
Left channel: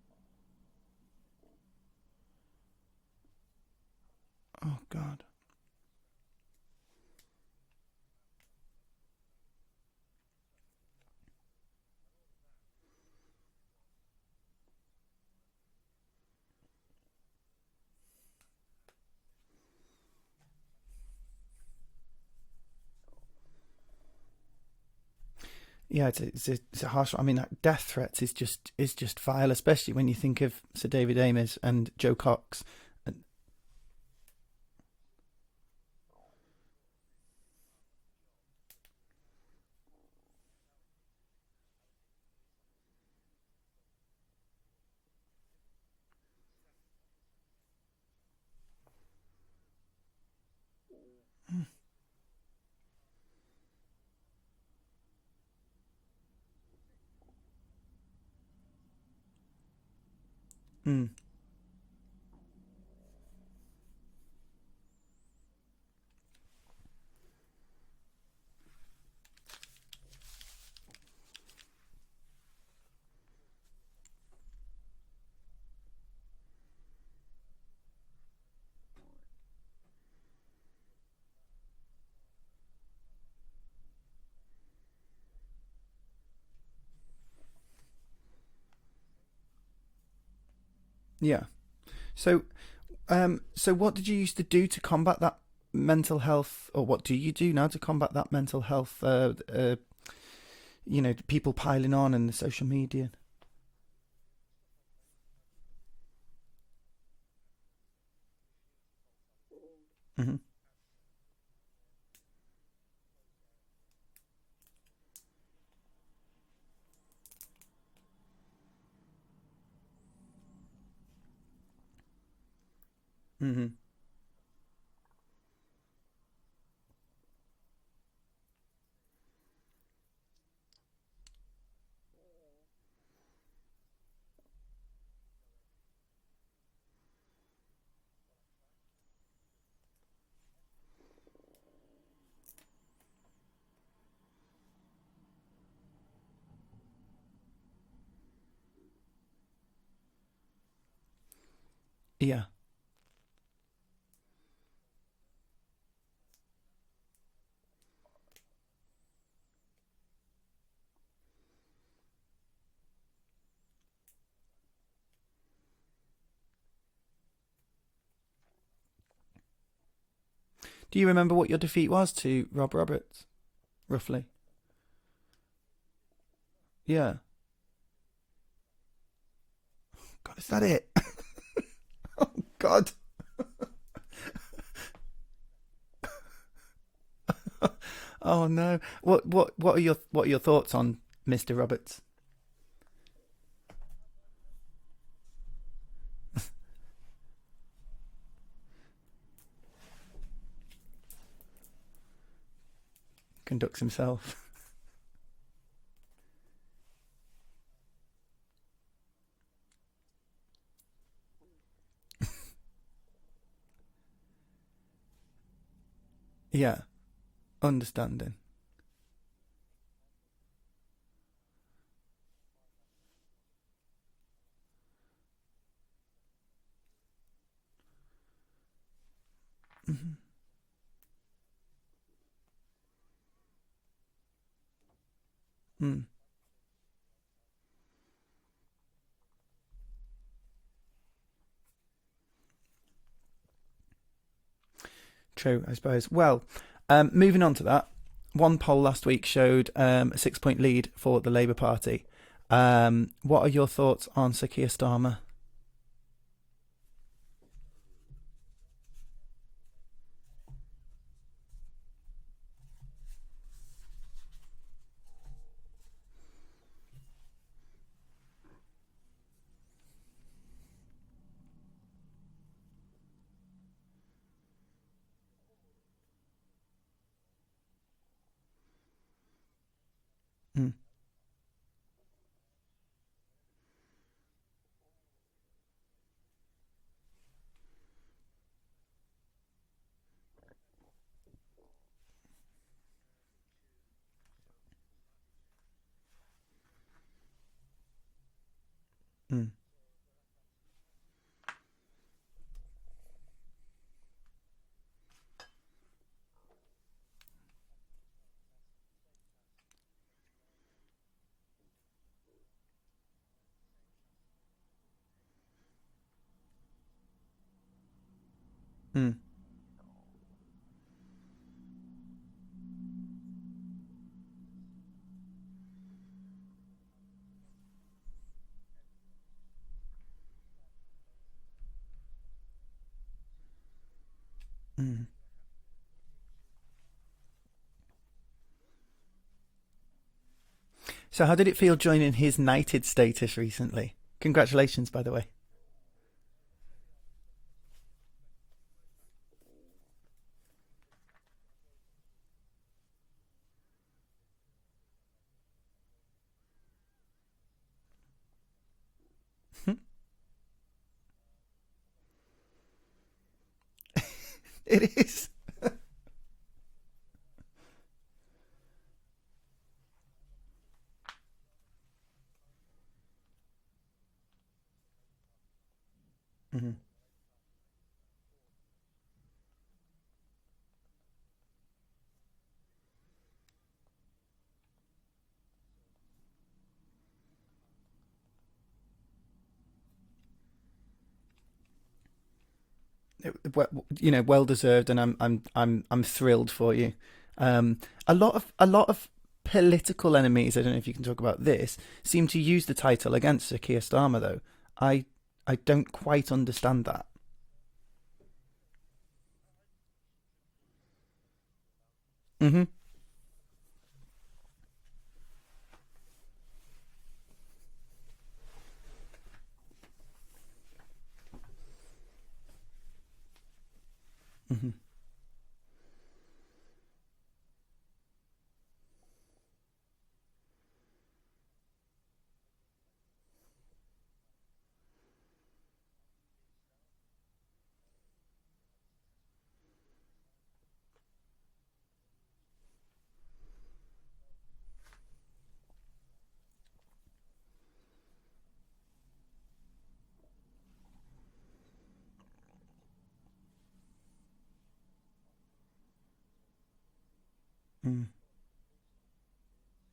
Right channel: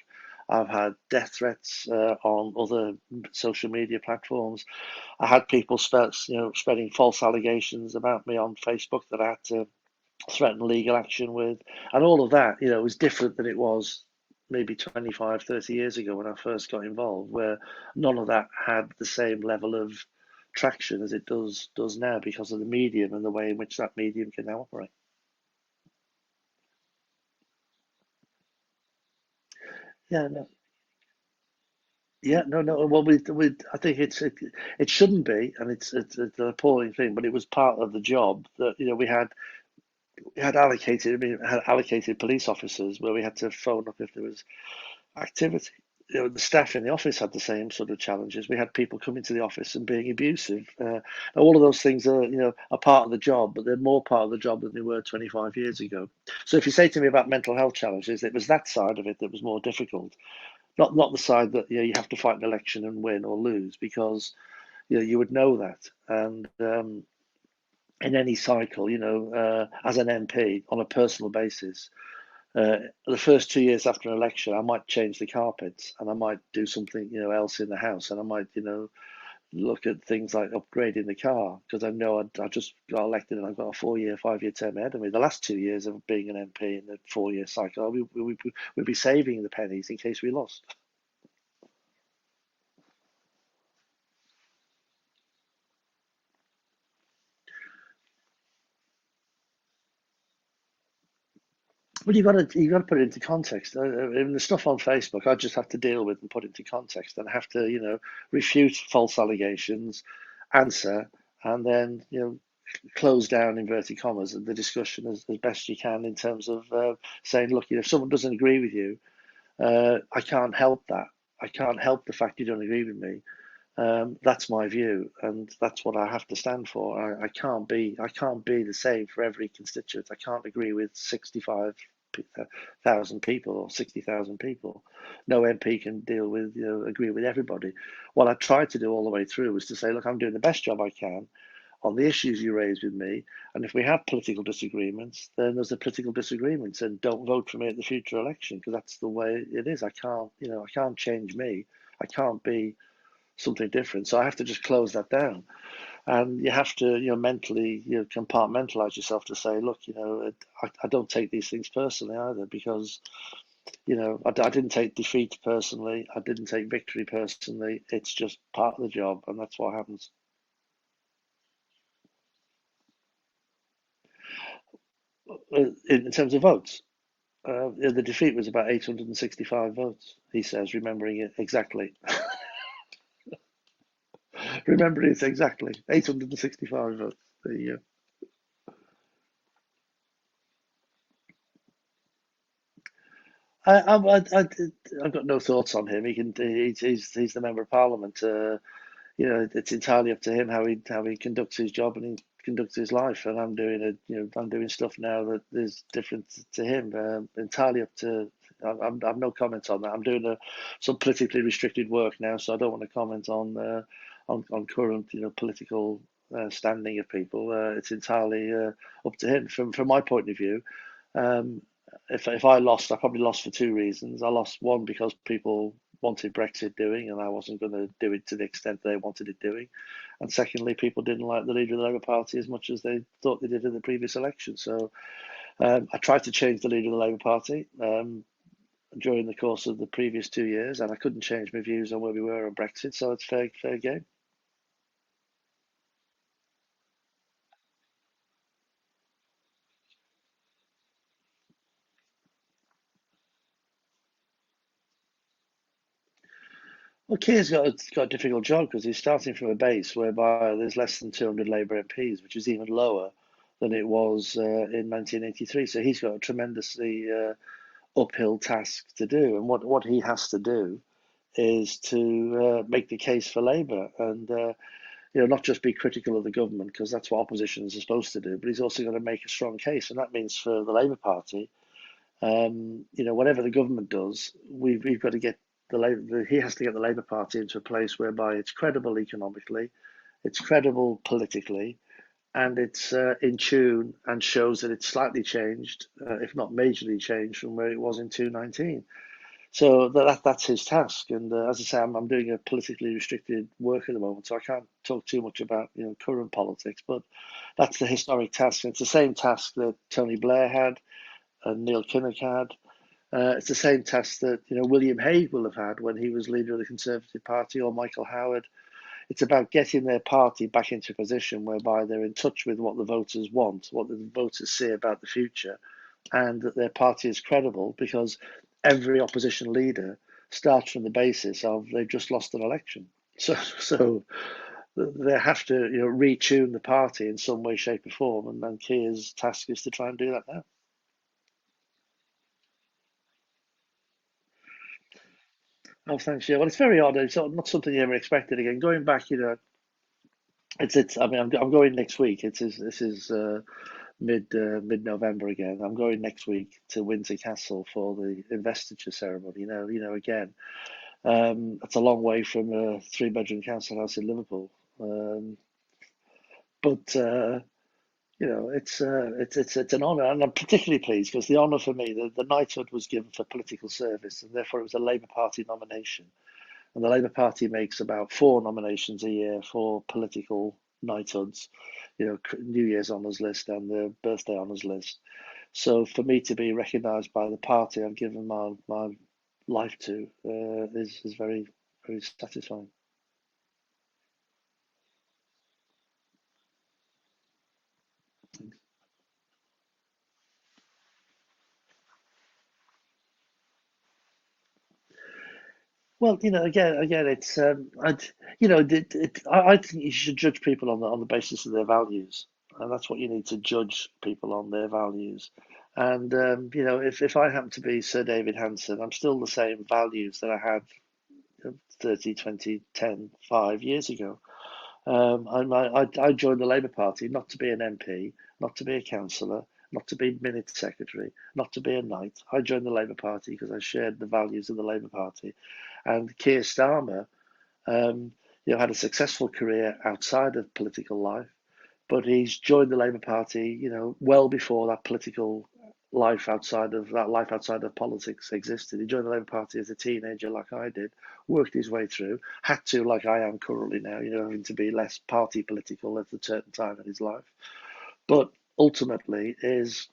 I've had death threats on other social media platforms. Oh God. I had people spreading false allegations about me on Facebook that I had to threaten legal action with, and all of that, was different than it was maybe 25, 30 years ago when I first got involved, where none of that had the same level of traction as it does now because of the medium and the way in which that medium can now operate. Yeah, it's a harsh. I mean, death threats is just vile, especially when you Yeah, think of Sir David Ames and Joe yeah, Cox. no. Well, I think it shouldn't be, and it's an appalling thing, but it was part of the job that we had allocated police officers where we had to phone up if there was activity. The staff in the office had the same sort of challenges. We had people coming to the office and being abusive. All of those things are part of the job, but they're more part of the job than they were 25 years ago. So if you say to me about mental health challenges, it was that side of it that was more difficult, Mm. not the side that you have to fight an election and win or lose, because you would know that. And in any cycle, as an MP on a personal basis, the first 2 years after an election, I might change the carpets and I might do something, else in the house, and I might, look at things like upgrading the car because I know I just got elected and I've got a 4-year, 5-year term ahead of me. The last 2 years of being an MP in the 4-year cycle, we'd be saving the pennies in case we lost. Yeah. So, so what did you used to do to combat that mental health, or what do you do now to combat that mental health? People piling on Well, and you the got to social you got to put it media. into context. In the stuff on Facebook, I just have to deal with and put into context, and have to, refute false allegations, Hmm. answer, and then, close down inverted commas the discussion as best you can in terms of saying, look, if someone doesn't agree with you, I can't help that. I can't help the fact you don't agree with me. Hmm. That's my view, and that's what I have to stand for. I can't be the same for every constituent. I can't agree with 65,000 people or 60,000 people. No MP can agree with everybody. What I tried to do all the way through was to say, look, I'm doing the best job I can on the issues you raise with me, and if we have political disagreements, then there's a political disagreements, and don't vote for me at the future election because that's the way it is. I can't change me. I Yeah. can't be something different. So I have to just close that down. And you have to, mentally, compartmentalize yourself to say, look, I don't take these things personally either, because, I didn't take defeat personally. I didn't take victory personally. It's just part of the job, and that's what happens. Do you remember what your defeat was to Rob Roberts, roughly? In terms of votes, Yeah. the defeat was about 865 votes. God, He is that says, it? remembering it exactly. God. Remembering it exactly. 865 votes. There you go. Oh no. What are your thoughts on Mr. Roberts? I've got no thoughts on him. He's the member of parliament. It's entirely up to him how he conducts his job and he conducts his life. And Conducts himself. I'm doing stuff now that is different to him. Entirely up to. I've no comment on that. I'm doing some politically restricted work now, so I don't want to comment on current political Yeah. standing of people. It's Understandable. entirely up to him. From my point of view, um, if I lost, I probably lost for two reasons. I lost one because people wanted Brexit doing, and I wasn't going to do it to the extent they wanted it doing. Hmm. And secondly, people didn't like the leader of the Labour Party as much as they thought they did in the previous election. So I Mm. tried to change the leader of the Labour Party during the course of the previous 2 years, and I couldn't change my views on where we were on Brexit. So it's fair game. True, I suppose. Well, moving on to that, one poll last week showed a 6-point lead for the Labour Party. What are your thoughts on Sir Keir Starmer? Well, Keir's got a difficult job because he's starting from a base whereby there's less than 200 Labour MPs, which is even lower than it was in 1983. So he's got a tremendously uphill task to do. And what he has to do is to make the case for Labour and not just be critical of the government, because that's what oppositions are supposed to do, but he's also got to make a strong case. And that means for Mm. the Labour Party Whatever the government does, we've got to get he has to get the Labour Party into a place whereby it's credible economically, it's credible politically, and it's in tune and shows that it's slightly changed, if not majorly changed, from where it was in 2019. So that's his task. And as I say, I'm doing a politically restricted work at the moment, so I can't talk too much about current politics. But that's the historic task. And it's the same task that Tony Blair had and Neil Kinnock had. It's the same task that William Hague will have had when he was leader of the Conservative Party, or Michael Howard. It's about getting their party back into a position whereby they're in touch with what the voters want, what the voters say about the future, and that their party is credible, because every opposition leader starts from the basis of they've just lost an election. So they have to retune the party in some way, shape or form, and Keir's task is to try and do that now. So how did it feel joining his knighted status recently? Congratulations, by the way. Oh, thanks. Yeah, well, it's very odd. It's not something you ever expected. Again, going back, it's. I mean, I'm going next week. This is mid-November again. I'm going next week to Windsor Castle for the investiture ceremony. Again, that's a long way from a 3-bedroom council house in Liverpool. It is. But it's an honour, and I'm particularly pleased because the honour for me, the knighthood was given for political service, and therefore it was a Labour Party nomination. And the Labour Party makes about 4 nominations a year for political knighthoods, New Year's honours list and the birthday honours list. So for me to be recognised by the party I've given my life to is very, very satisfying. Well deserved, and I'm thrilled for you. A lot of political enemies, I don't know if you can talk about this, seem to use the title against Sir Keir Starmer, though. I don't quite understand that. Again, it's I think you should judge people on the basis of their values, and that's what you need to judge people on, their values. And if I happen to be Sir David Hanson, I'm still the same values that I had 30, 20, 10, 5 years ago. I joined the Labour Party not to be an MP, not to be a councillor, not to be minute secretary, not to be a knight. I joined the Labour Party because I shared the values of the Labour Party. And Keir Starmer, had a successful career outside of political life, but he's joined the Labour Party, well before that political life outside of politics existed. He joined the Labour Party as a teenager, like I did, worked his way through, had to, like I am currently now, having to be less party political at a certain time in his life. But ultimately is,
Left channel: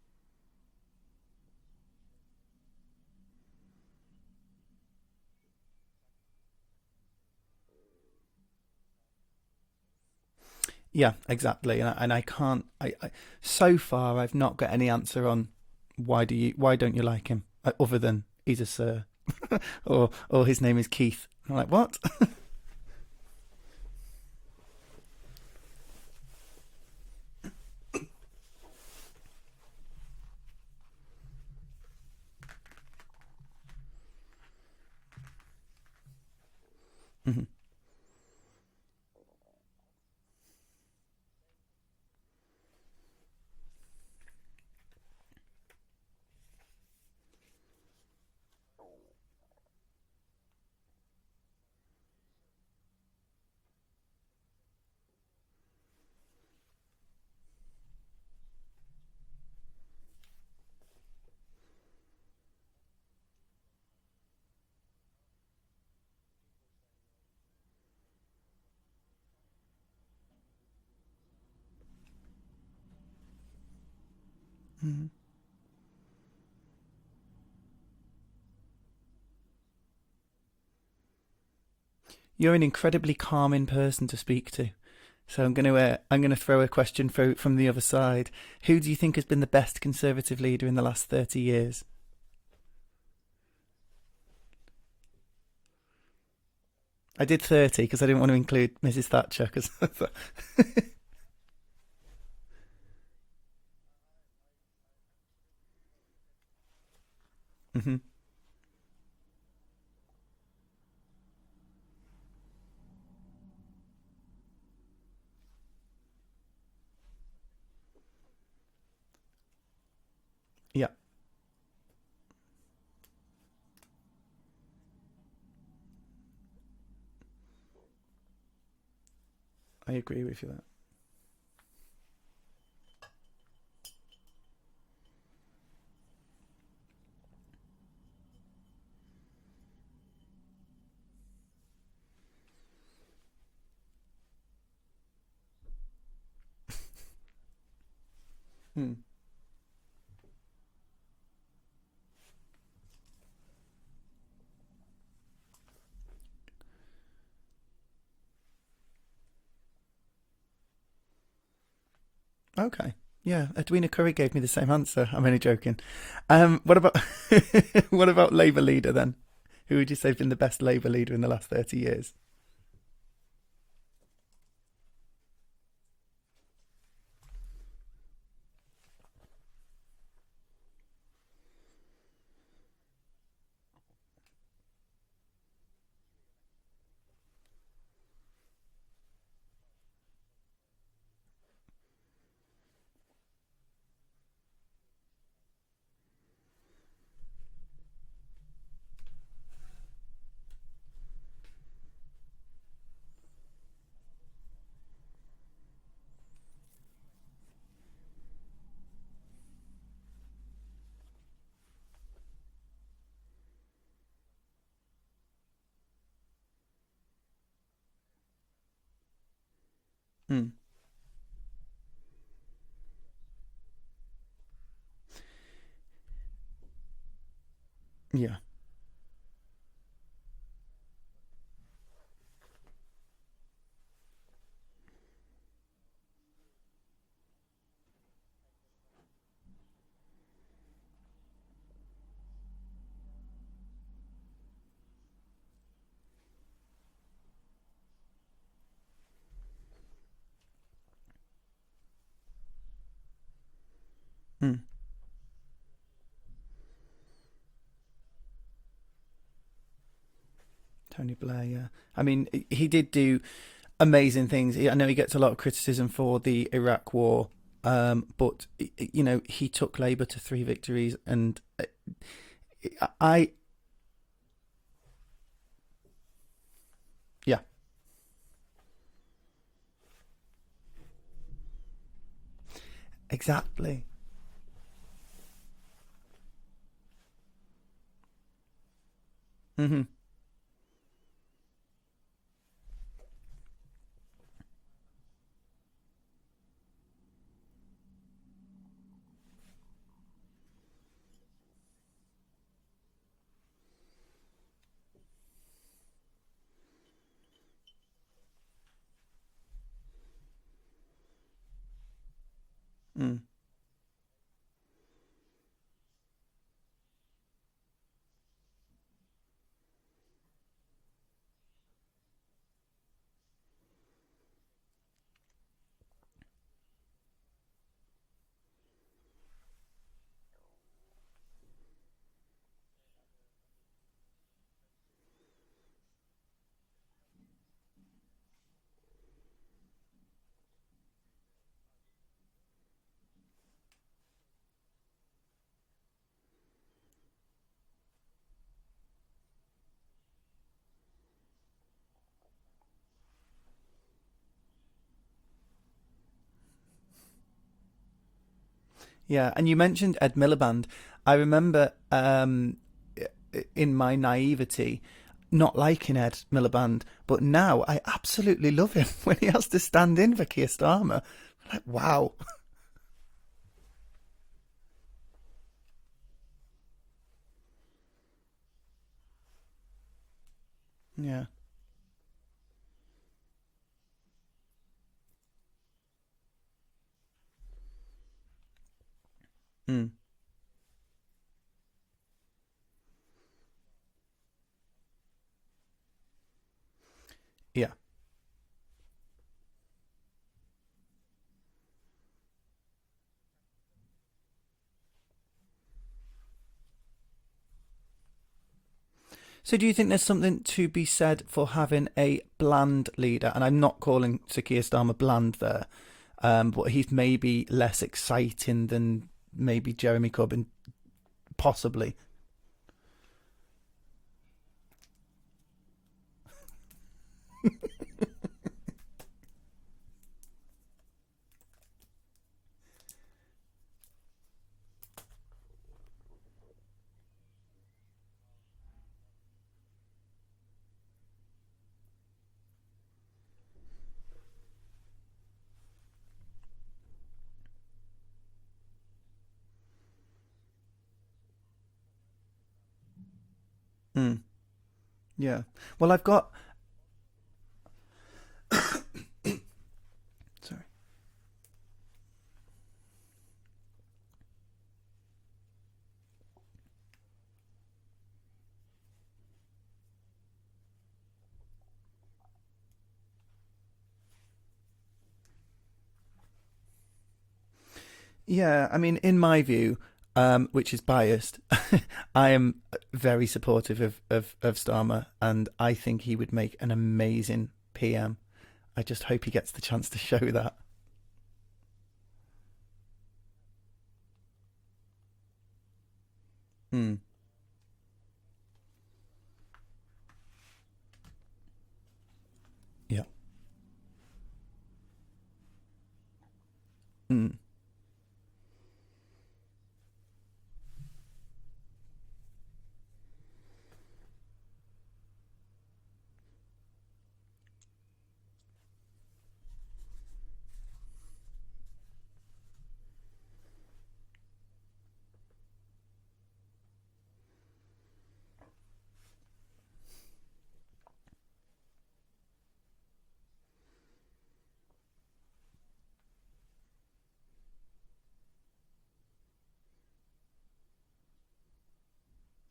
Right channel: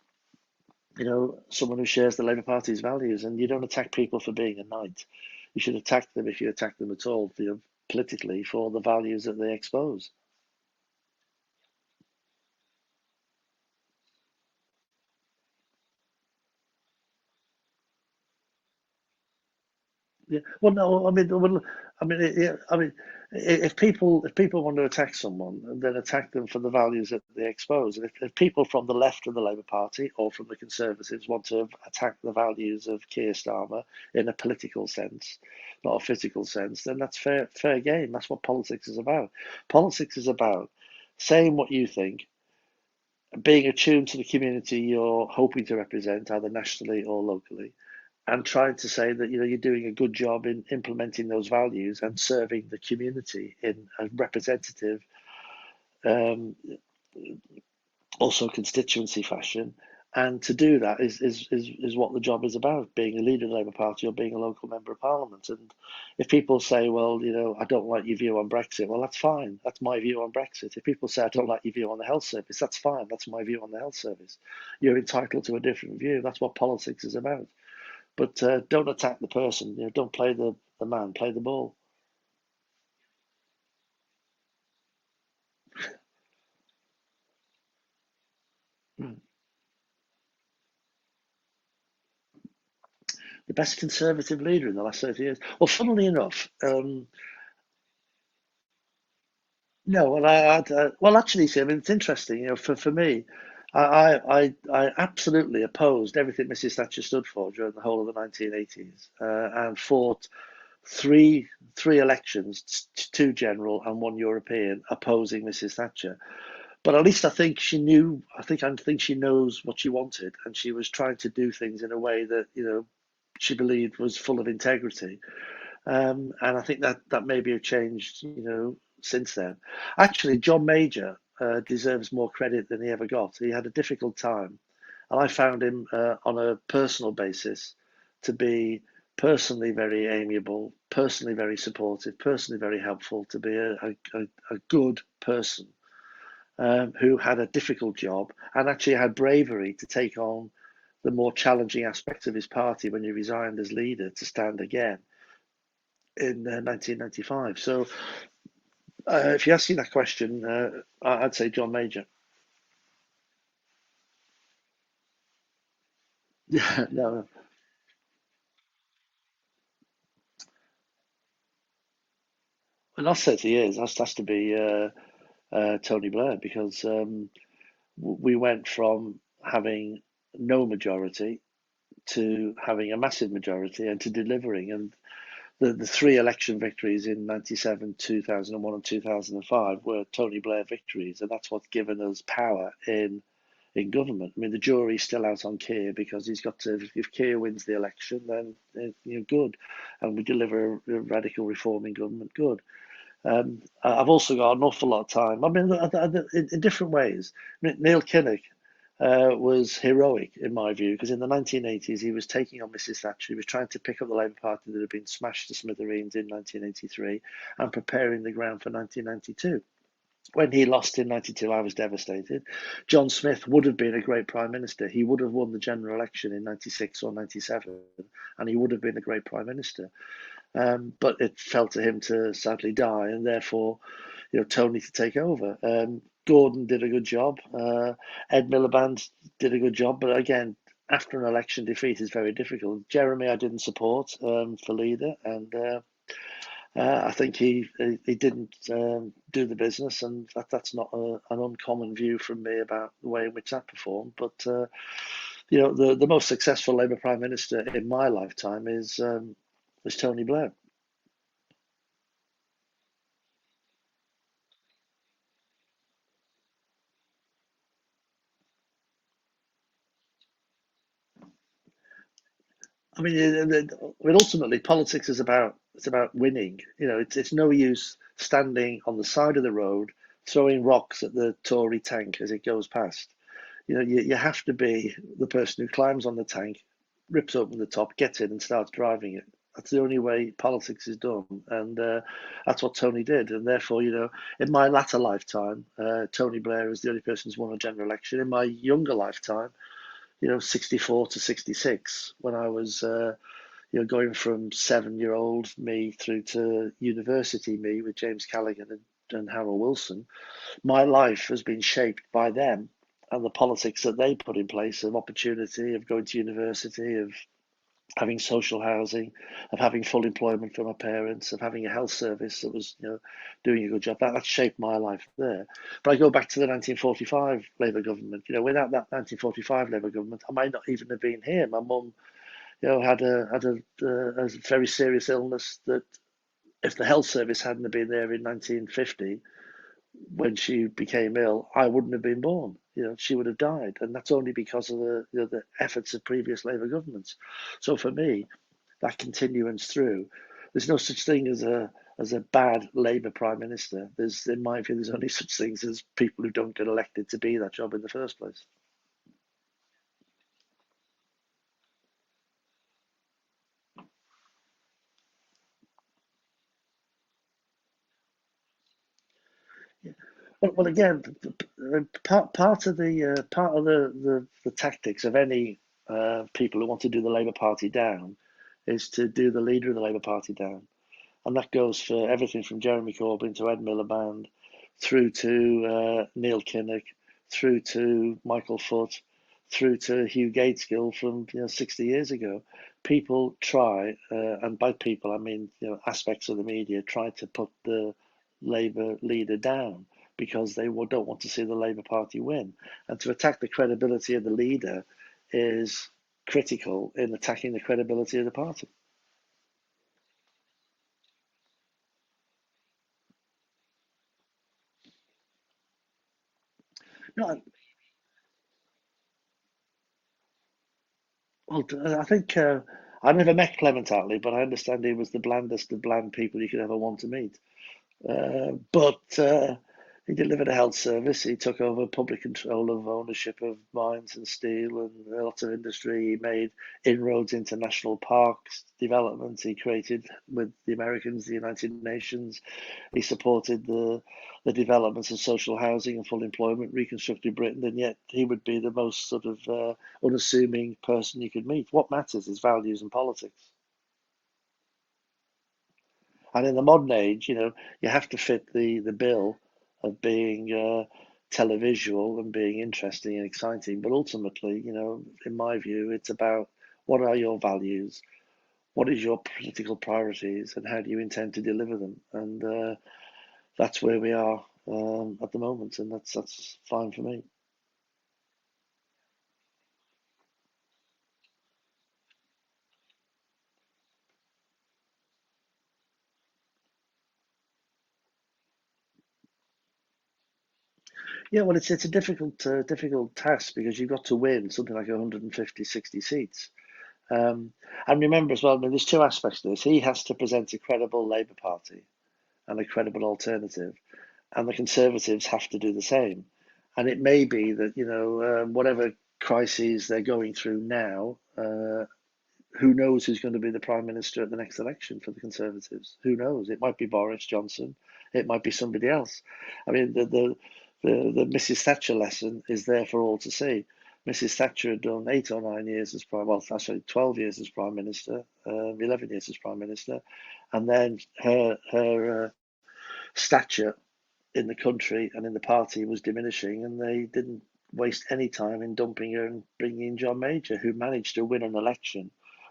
someone who shares the Labour Party's values, and you don't attack people for being a knight. You should attack them, if you attack them at all, politically, for the values that they expose. Yeah, exactly. And I can't. So far, I've not got any answer on why don't you like him, other than he's a sir, or his name is Keith. Like, what? If people want to attack someone, then attack them for the values that they expose. And if people from the left of the Labour Party or from the Conservatives want to attack the values of Keir Starmer in a political sense, not a physical sense, then that's fair game. That's what politics is about. Politics is about saying what you think, being attuned to the community you're hoping to represent, either nationally or locally, and trying to say that you're doing a good job in implementing those values and serving the community in a representative, also constituency fashion. And to do that is what the job is about, being a leader of the Labour Party or being a local member of Parliament. And if people say, well, I don't like your view on Brexit, well, that's fine. That's my view on Brexit. If people say, I don't like your view on the health service, that's fine. That's my view on the health service. You're entitled to a different view. That's what politics is about. But don't attack the person. Don't play the man, play the ball. You're an incredibly calming person to speak to. So I'm going to throw a question from the other side. Who do you think has been the best Conservative leader in the last 30 years? The best Conservative leader in the last 30 years? Well, funnily enough... I did 30 because I didn't want to include Mrs. Thatcher. No, well, actually, see, it's interesting. For me, I absolutely opposed everything Mrs. Thatcher stood for during the whole of the 1980s and fought three elections, 2 general and 1 European, opposing Mrs. Thatcher. But at least I think she knew. I think she knows what she wanted, and she Yeah. was trying to do things in a way that she believed was full of integrity. And I think that maybe have changed, since then. I agree Actually, with you. John Major deserves more credit than he ever got. He had a difficult time, and I found him on a personal basis to be personally very amiable, personally very supportive, personally very helpful, to be a good person who had a difficult job and actually had bravery to take on the more challenging aspects of his party when he resigned as leader to stand again in 1995. So if you ask me that question, I'd say John Major. Okay. Yeah, Edwina Curry gave me the same answer. I'm only joking. What about No, what about Labour leader then? Who would you say has been the best Labour leader in the last 30 years? the last 30 years has to be Tony Blair, because we went from having no majority to having a massive majority and to delivering. And the three election victories in 97, 2001 and 2005 were Tony Blair victories, and that's what's given us power in government. I mean, the jury's still out on Keir, because he's got to, if Keir wins the election, then good, and we deliver a radical reform in government, good. I've also got an awful lot of time. I mean, in different ways. Neil Kinnock was heroic in my view, because in the 1980s he was taking on Mrs. Thatcher. He was trying to pick up the Labour Party that had been smashed to smithereens in 1983 and preparing the ground for 1992. When he lost in 92, I was devastated. John Smith would have been a great Prime Minister. He would have won the general election in 96 or 97, Yeah. and he would have been a great Prime Minister. But it fell to him to sadly die, and therefore, Tony to take over. Gordon did a good job. Ed Miliband did a good job, but again, after an election defeat is very difficult. Jeremy, I didn't support for leader, and I think he didn't do the business, and that's not an uncommon view from me about the way in which that performed. But the most successful Labour Prime Minister in my lifetime is Tony Blair. Tony Blair, yeah. I mean, he did do amazing things. I know he gets a lot of criticism for the Iraq War, but he took Labour to 3 victories, and ultimately politics is about winning. It's no use standing on the side of the road throwing rocks at the Tory tank as it goes past. Exactly. You have to be the person who climbs on the tank, rips open the top, gets in, and starts driving it. That's the only way politics is done, and that's what Tony did. And therefore, in my latter lifetime, Tony Blair is the only person who's won a general election. In my younger lifetime, 64 to 66, when I was, going from 7-year-old me through to university me with James Callaghan and Harold Wilson, my life has been shaped by them and the politics that they put in place of opportunity, of going to university, of having social housing, of having full employment for my parents, of having a health service that was, doing a good job. That shaped my life there. But I go back to the 1945 Labour government. Without that 1945 Labour government, I might not even have been here. My mum, had a very serious illness that, if the health service hadn't been there in 1950, when she became ill, I wouldn't have been born. She would have died, and that's only because of the efforts of previous Labour governments. So for me, that continuance through, there's no such thing as a bad Labour Prime Minister. In my view, there's only such things as people who don't get elected to be that job in the first place. Yeah, and you mentioned Ed Miliband. I remember in my naivety not liking Ed Miliband, but now I absolutely love him when he has to stand in for Keir Starmer. Wow. Part of the tactics of any people who want to do the Labour Party down is to do the leader of the Labour Party down. Yeah. And that goes for everything from Jeremy Corbyn to Ed Miliband, through to Neil Kinnock, through to Michael Foot, through to Hugh Gateskill from 60 years ago. People try, and by people I mean aspects of the media, try to put the Labour leader down because they don't want to see the Labour Party win. And to attack the credibility of the leader is critical in attacking the credibility of the party. So do you think there's something to be said for having a bland leader? And I'm not calling Sir Keir Starmer bland there. but he's No, maybe less exciting than maybe Jeremy Corbyn, possibly. I think I never met Clement Attlee, but I understand he was the blandest of bland people you could ever want to meet. But he delivered a health service. He took over public control of ownership of mines and steel and lots of industry. He made inroads into national parks development. He created, with the Americans, the United Nations. He supported the developments of social housing and full employment, reconstructed Britain, and yet he would be the most sort of unassuming person you could meet. What matters is values and politics. Mm, yeah. Well, I've got. And in the modern age, you have to fit the bill of being televisual and being interesting and exciting. But ultimately, in my view, it's about what are your values, what is your political priorities, and how do you intend to deliver them? And that's where we are at the moment, and that's fine for me. Yeah, I mean, in my view, which is biased, I am very supportive of Starmer, and I think he would make an amazing PM. I just hope he gets the chance to show that. Yeah, well, it's a difficult task because you've got to win something like 150, 60 seats. Mm. And remember as well, I mean, there's two aspects to this. He has to present a credible Labour Party and a credible Yeah. alternative, and the Conservatives have to do the same. And it may be that, whatever crises they're going through now, who knows who's going to be the Prime Minister at the next election for the Conservatives? Who knows? It might be Boris Johnson. It might be somebody else. I mean, the Mrs. Thatcher lesson is there for all to see. Mrs. Thatcher had done 8 or 9 years as actually 12 years as Prime Minister, 11 years as Prime Minister, and then her stature in the country and in the party was diminishing, and they didn't waste any time in dumping her and bringing in John Major, who managed to win an election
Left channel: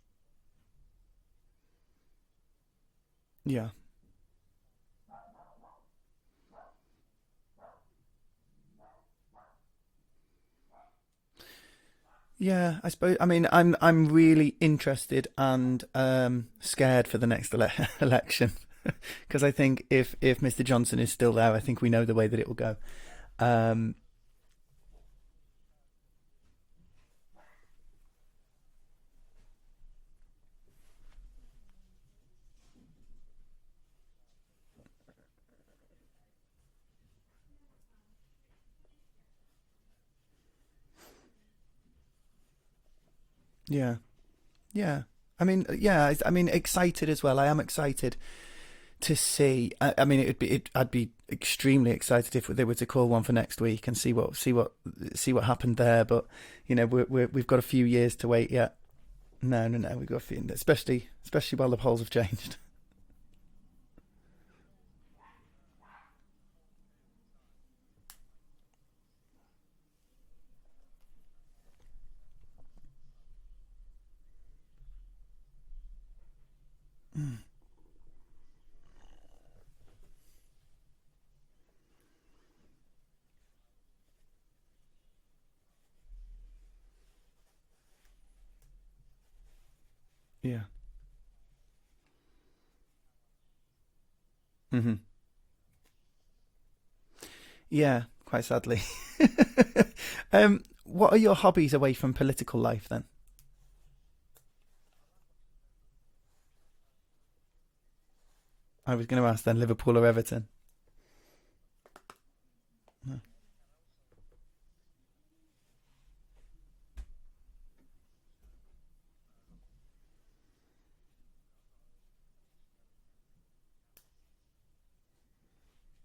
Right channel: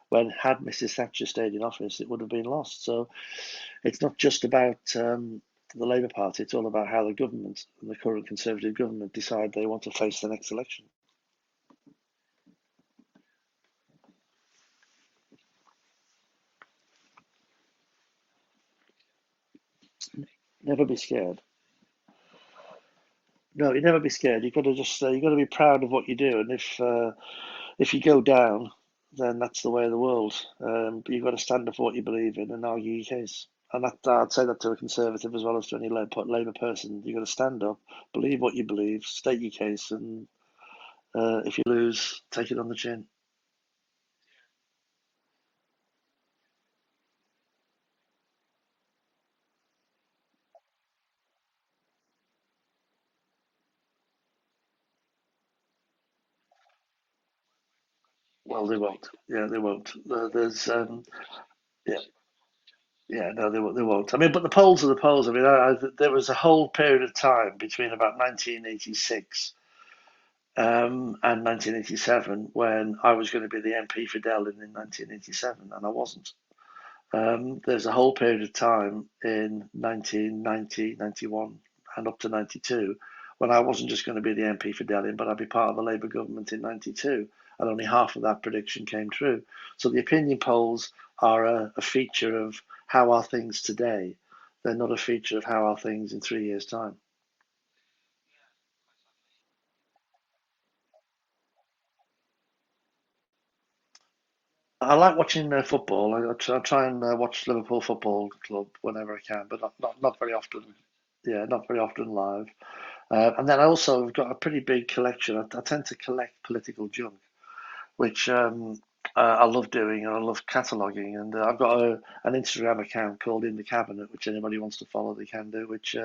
when, had Mrs. Thatcher stayed in office, it would have been lost. So Yeah. it's not just about the Labour Party, it's all about how the government, and the current Conservative government, decide they want to face the next election. Yeah, I suppose. I mean, I'm really interested and scared for the next election because I think if Mr. Johnson is still there, I think we know the way that it will go. No, you never be scared. You've got to you've got to be proud of what you do, and if you go down, then that's the way of the world. But you've got to stand up for what you believe in and argue your case. And I'd say that to a Conservative as well as to any Labour person. You've got to stand up, believe what you believe, state your case, and if you lose, take it on the chin. Yeah, yeah. I mean, yeah. I mean, excited as well. I am excited to see. I mean, I'd be extremely excited if they were to call one for next week and see what happened there. But we've got a few years to wait. Well, yet. they won't. Yeah, they No, won't. no, we've got a few, especially while the polls have changed. Yeah, no, they won't. I mean, but the polls are the polls. I mean, there was a whole period of time between about 1986 and 1987 when I was going to be the MP for Delyn in 1987, and I wasn't. There's a whole period of time in 1990, 91, and up to 92 when I wasn't just going to be the MP for Delyn, but I'd be part of the Labour government in 92, and only half of that prediction came true. So the opinion polls are a feature of how are things today. They're not a feature of how are things in 3 years' time. Yeah, quite sadly. What are your hobbies away from political life then? I like watching football. I try and watch Liverpool Football Club I was whenever going to I ask can. then, But Liverpool or not very Everton? often. Yeah, not very often live. And then I also have got a pretty big collection. I tend to collect political junk, which I love doing, and I love cataloguing. And I've got an Instagram account called In the Cabinet, which anybody wants to follow, they can do, which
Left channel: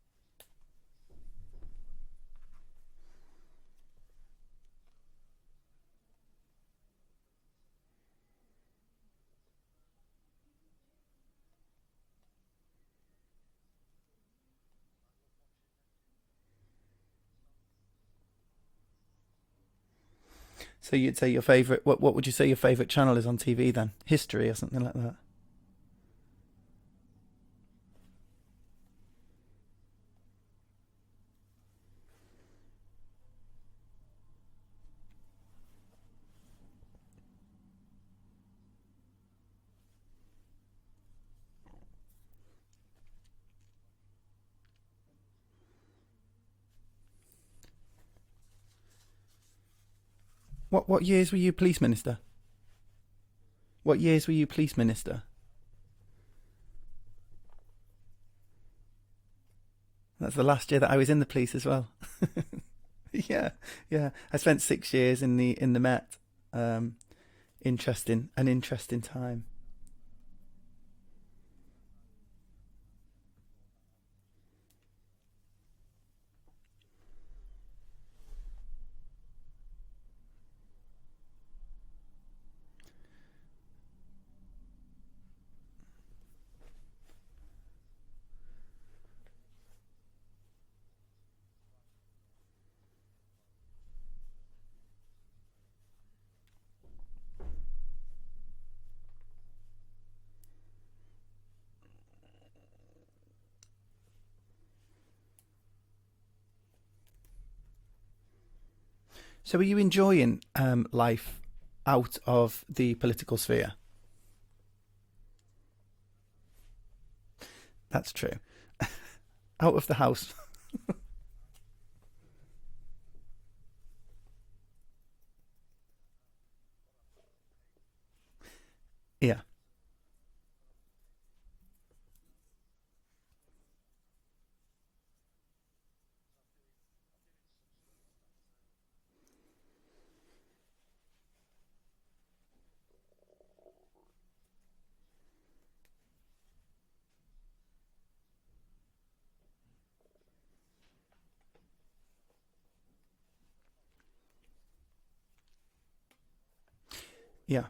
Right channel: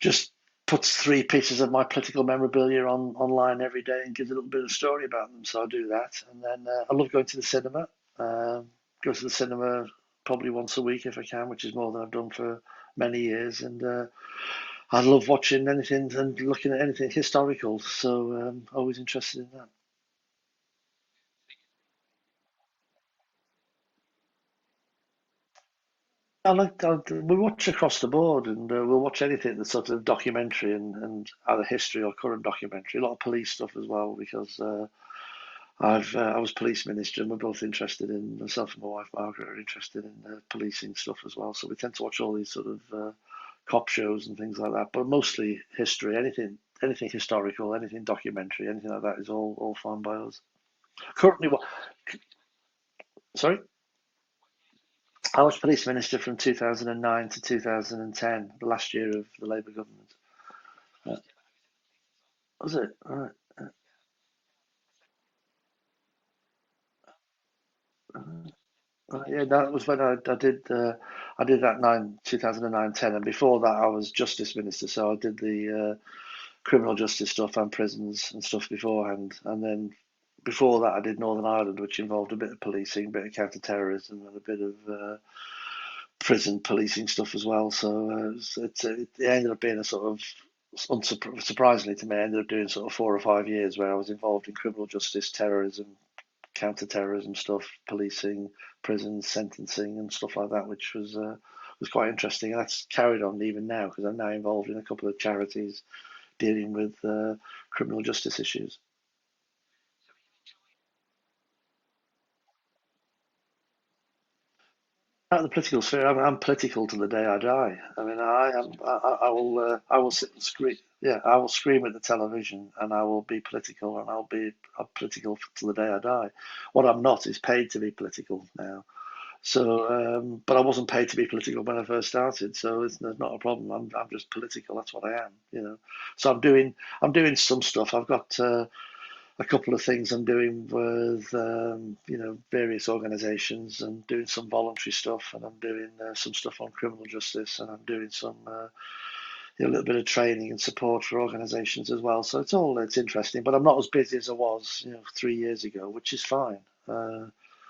just puts 3 pieces of my political memorabilia online every day and gives a little bit of story about them. So I do that. And then I love going to the cinema. Go to the cinema probably once a week if I can, which is more than I've done for many years. And I love watching anything and looking at anything historical. So always interested in that. So you'd say your favourite, what would you say your favourite channel is on TV then? History or something like that? We watch across the board, and we'll watch anything that's sort of documentary and either history or current documentary. A lot of police stuff as well, because I was police minister, and we're both interested in, myself and my wife Margaret are interested in policing stuff as well. So we tend to watch all these sort of cop shows and things like that, but mostly history, anything historical, anything documentary, anything like that is all fine by us. What years Currently, were you police minister? Sorry? What years were you police minister? I was police minister from 2009 to 2010, the last year of the Labour government. That's the last year that I was in the police as well. Was it? Right. Yeah. I spent 6 years in the Met. An interesting time. Yeah, that was when I did that 2009-10, and before that I was justice minister, so I did the criminal justice stuff and prisons and stuff beforehand, and then before that I did Northern Ireland, which involved a bit of policing, a bit of counter-terrorism, and a bit of prison policing stuff as well. So it ended up being a sort of, surprisingly to me, I ended up doing sort of 4 or 5 years where I was involved in criminal justice, terrorism, counter-terrorism stuff, policing, prisons, sentencing, and stuff like that, which was quite interesting. And that's carried on even now, because I'm now involved in a couple of charities dealing with criminal justice issues. So, are you enjoying life out of the political sphere? Out of the political sphere, I'm political to the day I die. That's true. I will sit and scream. Yeah, I will scream at the television, and I will be political, and I'll be political to the day I die. What I'm not is paid to be political now. Yeah. So, but I wasn't paid to be political when I first started, so it's not a problem. I'm just political. That's what I am. So I'm doing some stuff. I've got a couple of things I'm doing with various organisations, and doing some voluntary stuff, and I'm doing some stuff on criminal justice, and I'm doing some a little bit of training and support for organisations as well. So it's interesting, but I'm not as busy as I was 3 years ago, which is fine. Yeah.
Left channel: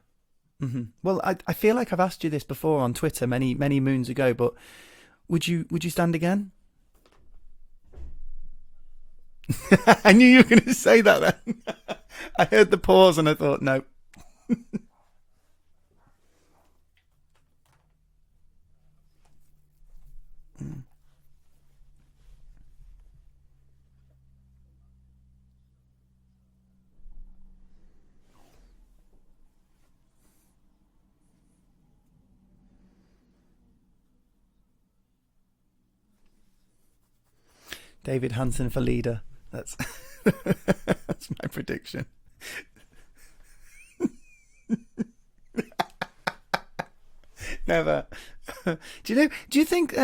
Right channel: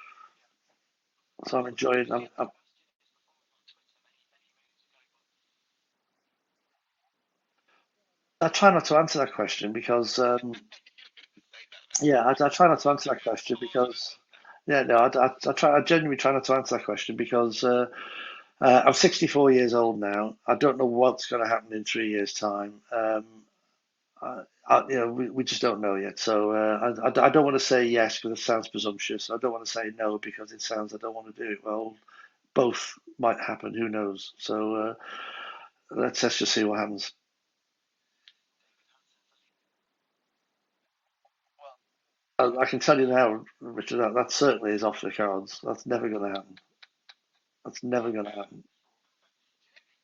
Mm-hmm. Well, I So feel like I've enjoying- asked you this before on Twitter many moons ago, but would you stand again? I try not to answer that question because I knew you were going to say that then. yeah, I I try heard not the to answer pause that and I question thought, no. because- Yeah, no, I genuinely try not to answer that question because I'm 64 years old now. I don't know what's going to happen in 3 years' time. We just don't know yet. So I don't want to say yes because it sounds presumptuous. I don't want to say no because it sounds I don't want to do it. Well, both might happen. Who knows? So let's just see what happens. David Hansen for leader. That's that's my prediction. I can tell you now, Richard, that certainly is off the cards. That's never going to happen. That's never going to happen. Do you think?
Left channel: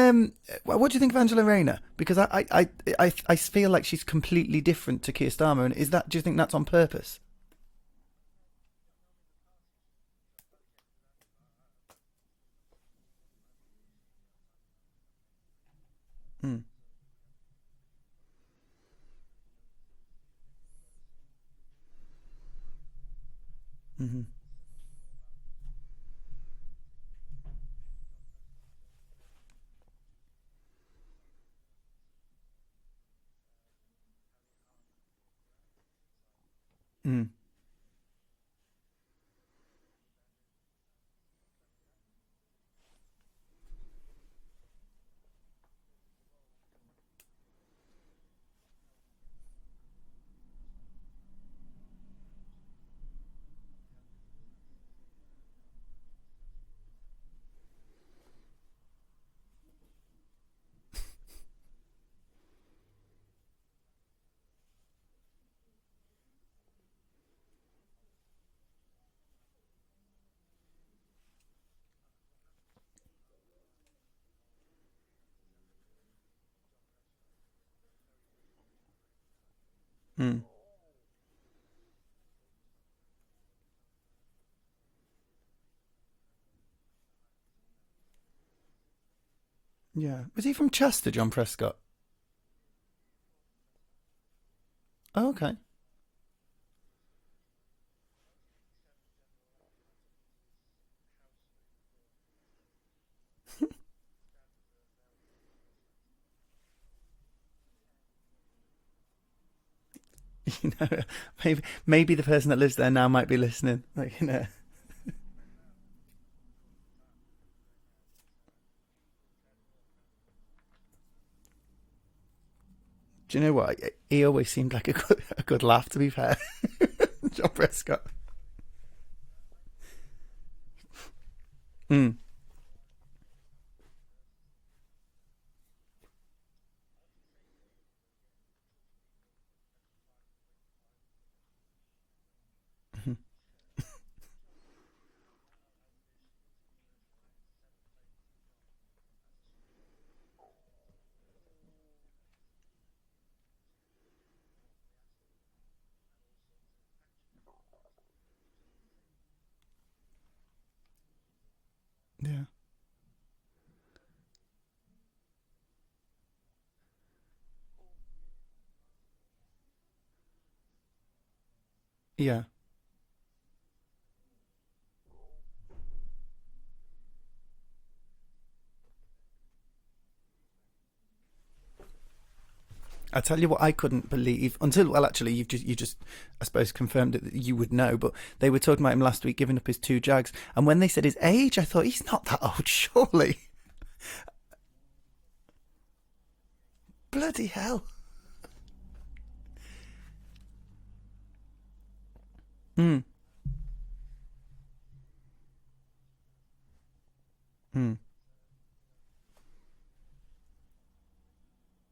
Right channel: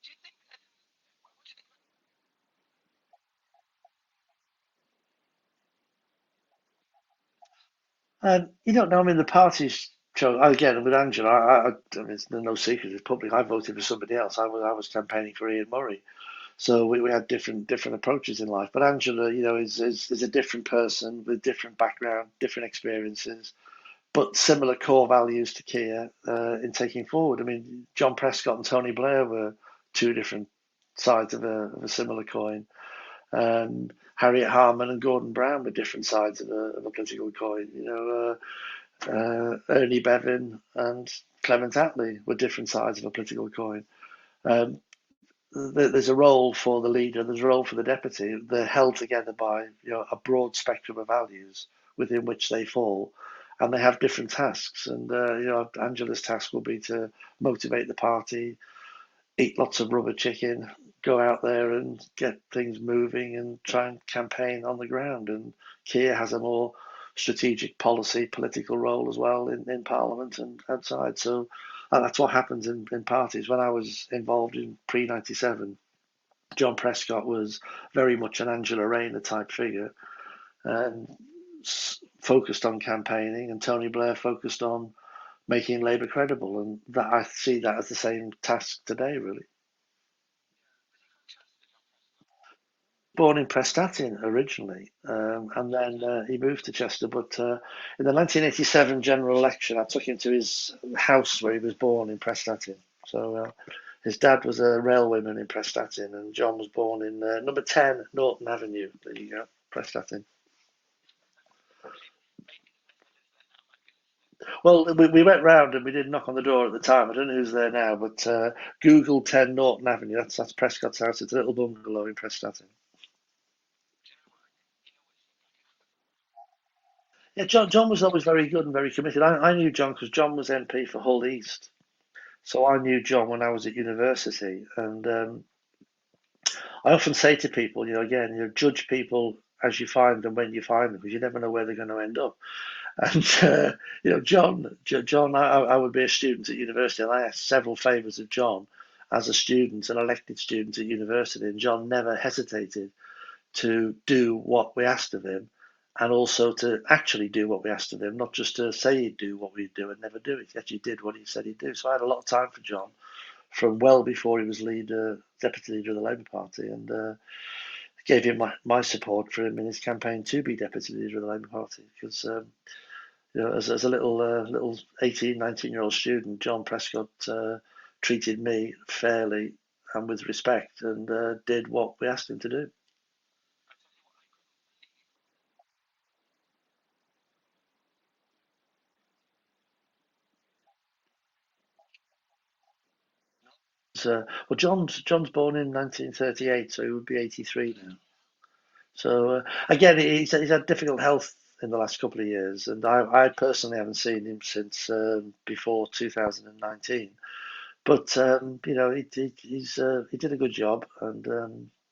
What do you think of Angela Rayner? Because I feel like she's completely different to Keir Starmer, and do you think that's on purpose? You don't know. I mean, the parties chose again with Angela. I mean, there's no secret. It's public. I voted for somebody else. I was campaigning for Ian Murray. So we had different approaches in life. But Angela, is a different person with different background, different experiences, but similar core values to Keir in taking forward. I mean, John Prescott and Tony Blair were two different sides of a similar coin. Harriet Harman and Gordon Brown were different sides of a political coin. Ernie Bevin and Clement Attlee were different sides of a political coin. There's a role for the leader, there's a role for the deputy. They're held together by a broad spectrum of values within which they fall, and they have different tasks. And Angela's task will be to motivate the party, eat lots of rubber chicken, go out there and get things moving and try and campaign on the ground. And Keir has a more strategic policy, political role as well in Parliament and outside. So that's what happens in parties. When I was involved in pre-97, John Prescott was very much an Angela Rayner type figure and focused on campaigning, and Tony Blair focused on making Labour credible. And that I see that as the same task today, really. Yeah. Was he from Chester, John Prescott? Born in Prestatyn originally, Okay. and then he moved to Chester. But in the 1987 general election, I took him to his house where he was born in Prestatyn. So his dad was a railwayman in Prestatyn, and John was born in number 10 Norton Avenue. There you go, Prestatyn. Maybe the person that lives there now might be listening. Well, we went round and we did knock on the door at the time. I don't know who's there now, but Google 10 Norton Avenue. That's Prescott's house. It's a little bungalow in Prestatyn. Do you know what? He always seemed like a good laugh, to be fair. John was always very good and very committed. I knew John because John was MP for Hull East. So I knew John when I was at university. And I often say to people, again, judge people as you find them when you find them, because you never know where they're going to end up. And John, I would be a student at university, and I asked several favours of John as a student, an elected student at university, and John never hesitated to do what we asked of him, and also to actually do what we asked of him, not just to say he'd do what we'd do and never do it. He actually did what he said he'd do. So I had a lot of time for John from well before he was deputy leader of the Labour Party, and gave him my support for him in his campaign to be deputy leader of the Labour Party. Because as a little 18, 19-year-old student, John Prescott treated me fairly and with respect, and did what we asked him to do. I tell you what, I couldn't believe until, well, actually, you just, I suppose, confirmed it that you would know. But they were talking about him last week, giving up his 2 Jags, and when they said his age, I thought he's not that old, surely. So, well, John's born in 1938, so he would be Bloody 83 hell. now. So again, he's had difficult health in the last couple of years, and I personally haven't seen him since before 2019. But he did a good job, and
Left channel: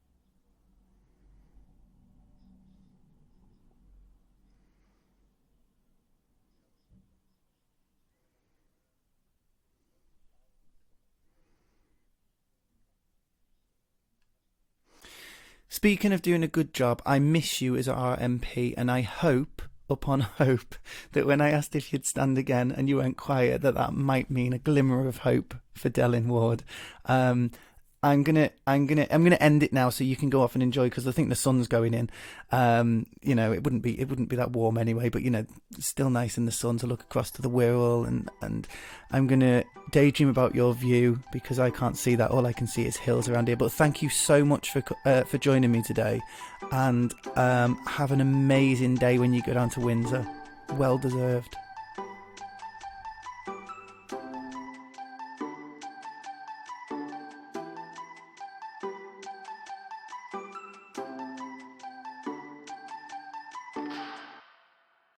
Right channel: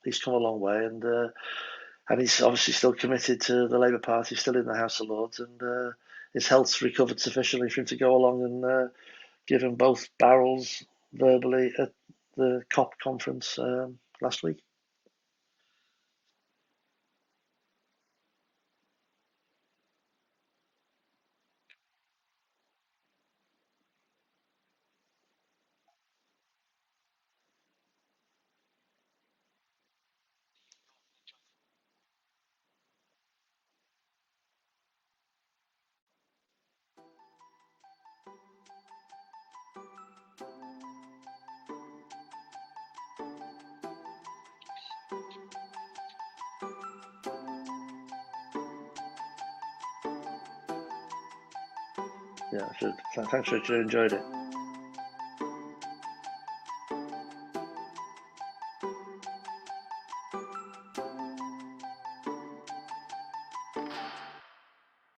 he's come a long way, and he's obviously still committed to the Labour Party, still in the House of Lords, and his health's recovered sufficiently for him to go along and give him both barrels verbally at the COP conference last week. Speaking of doing a good job, I miss you as our MP, and I hope, upon hope, that when I asked if you'd stand again and you went quiet, that might mean a glimmer of hope for Delyn Ward. I'm gonna end it now so you can go off and enjoy, because I think the sun's going in. It wouldn't be that warm anyway, but it's still nice in the sun to look across to the Wirral, and I'm gonna daydream about your view, because I can't see that. All I can see is hills around here. But thank you so much for joining me today, and have an amazing day when you go down to Windsor. Well deserved. Yeah, thanks, Richard. Enjoyed it.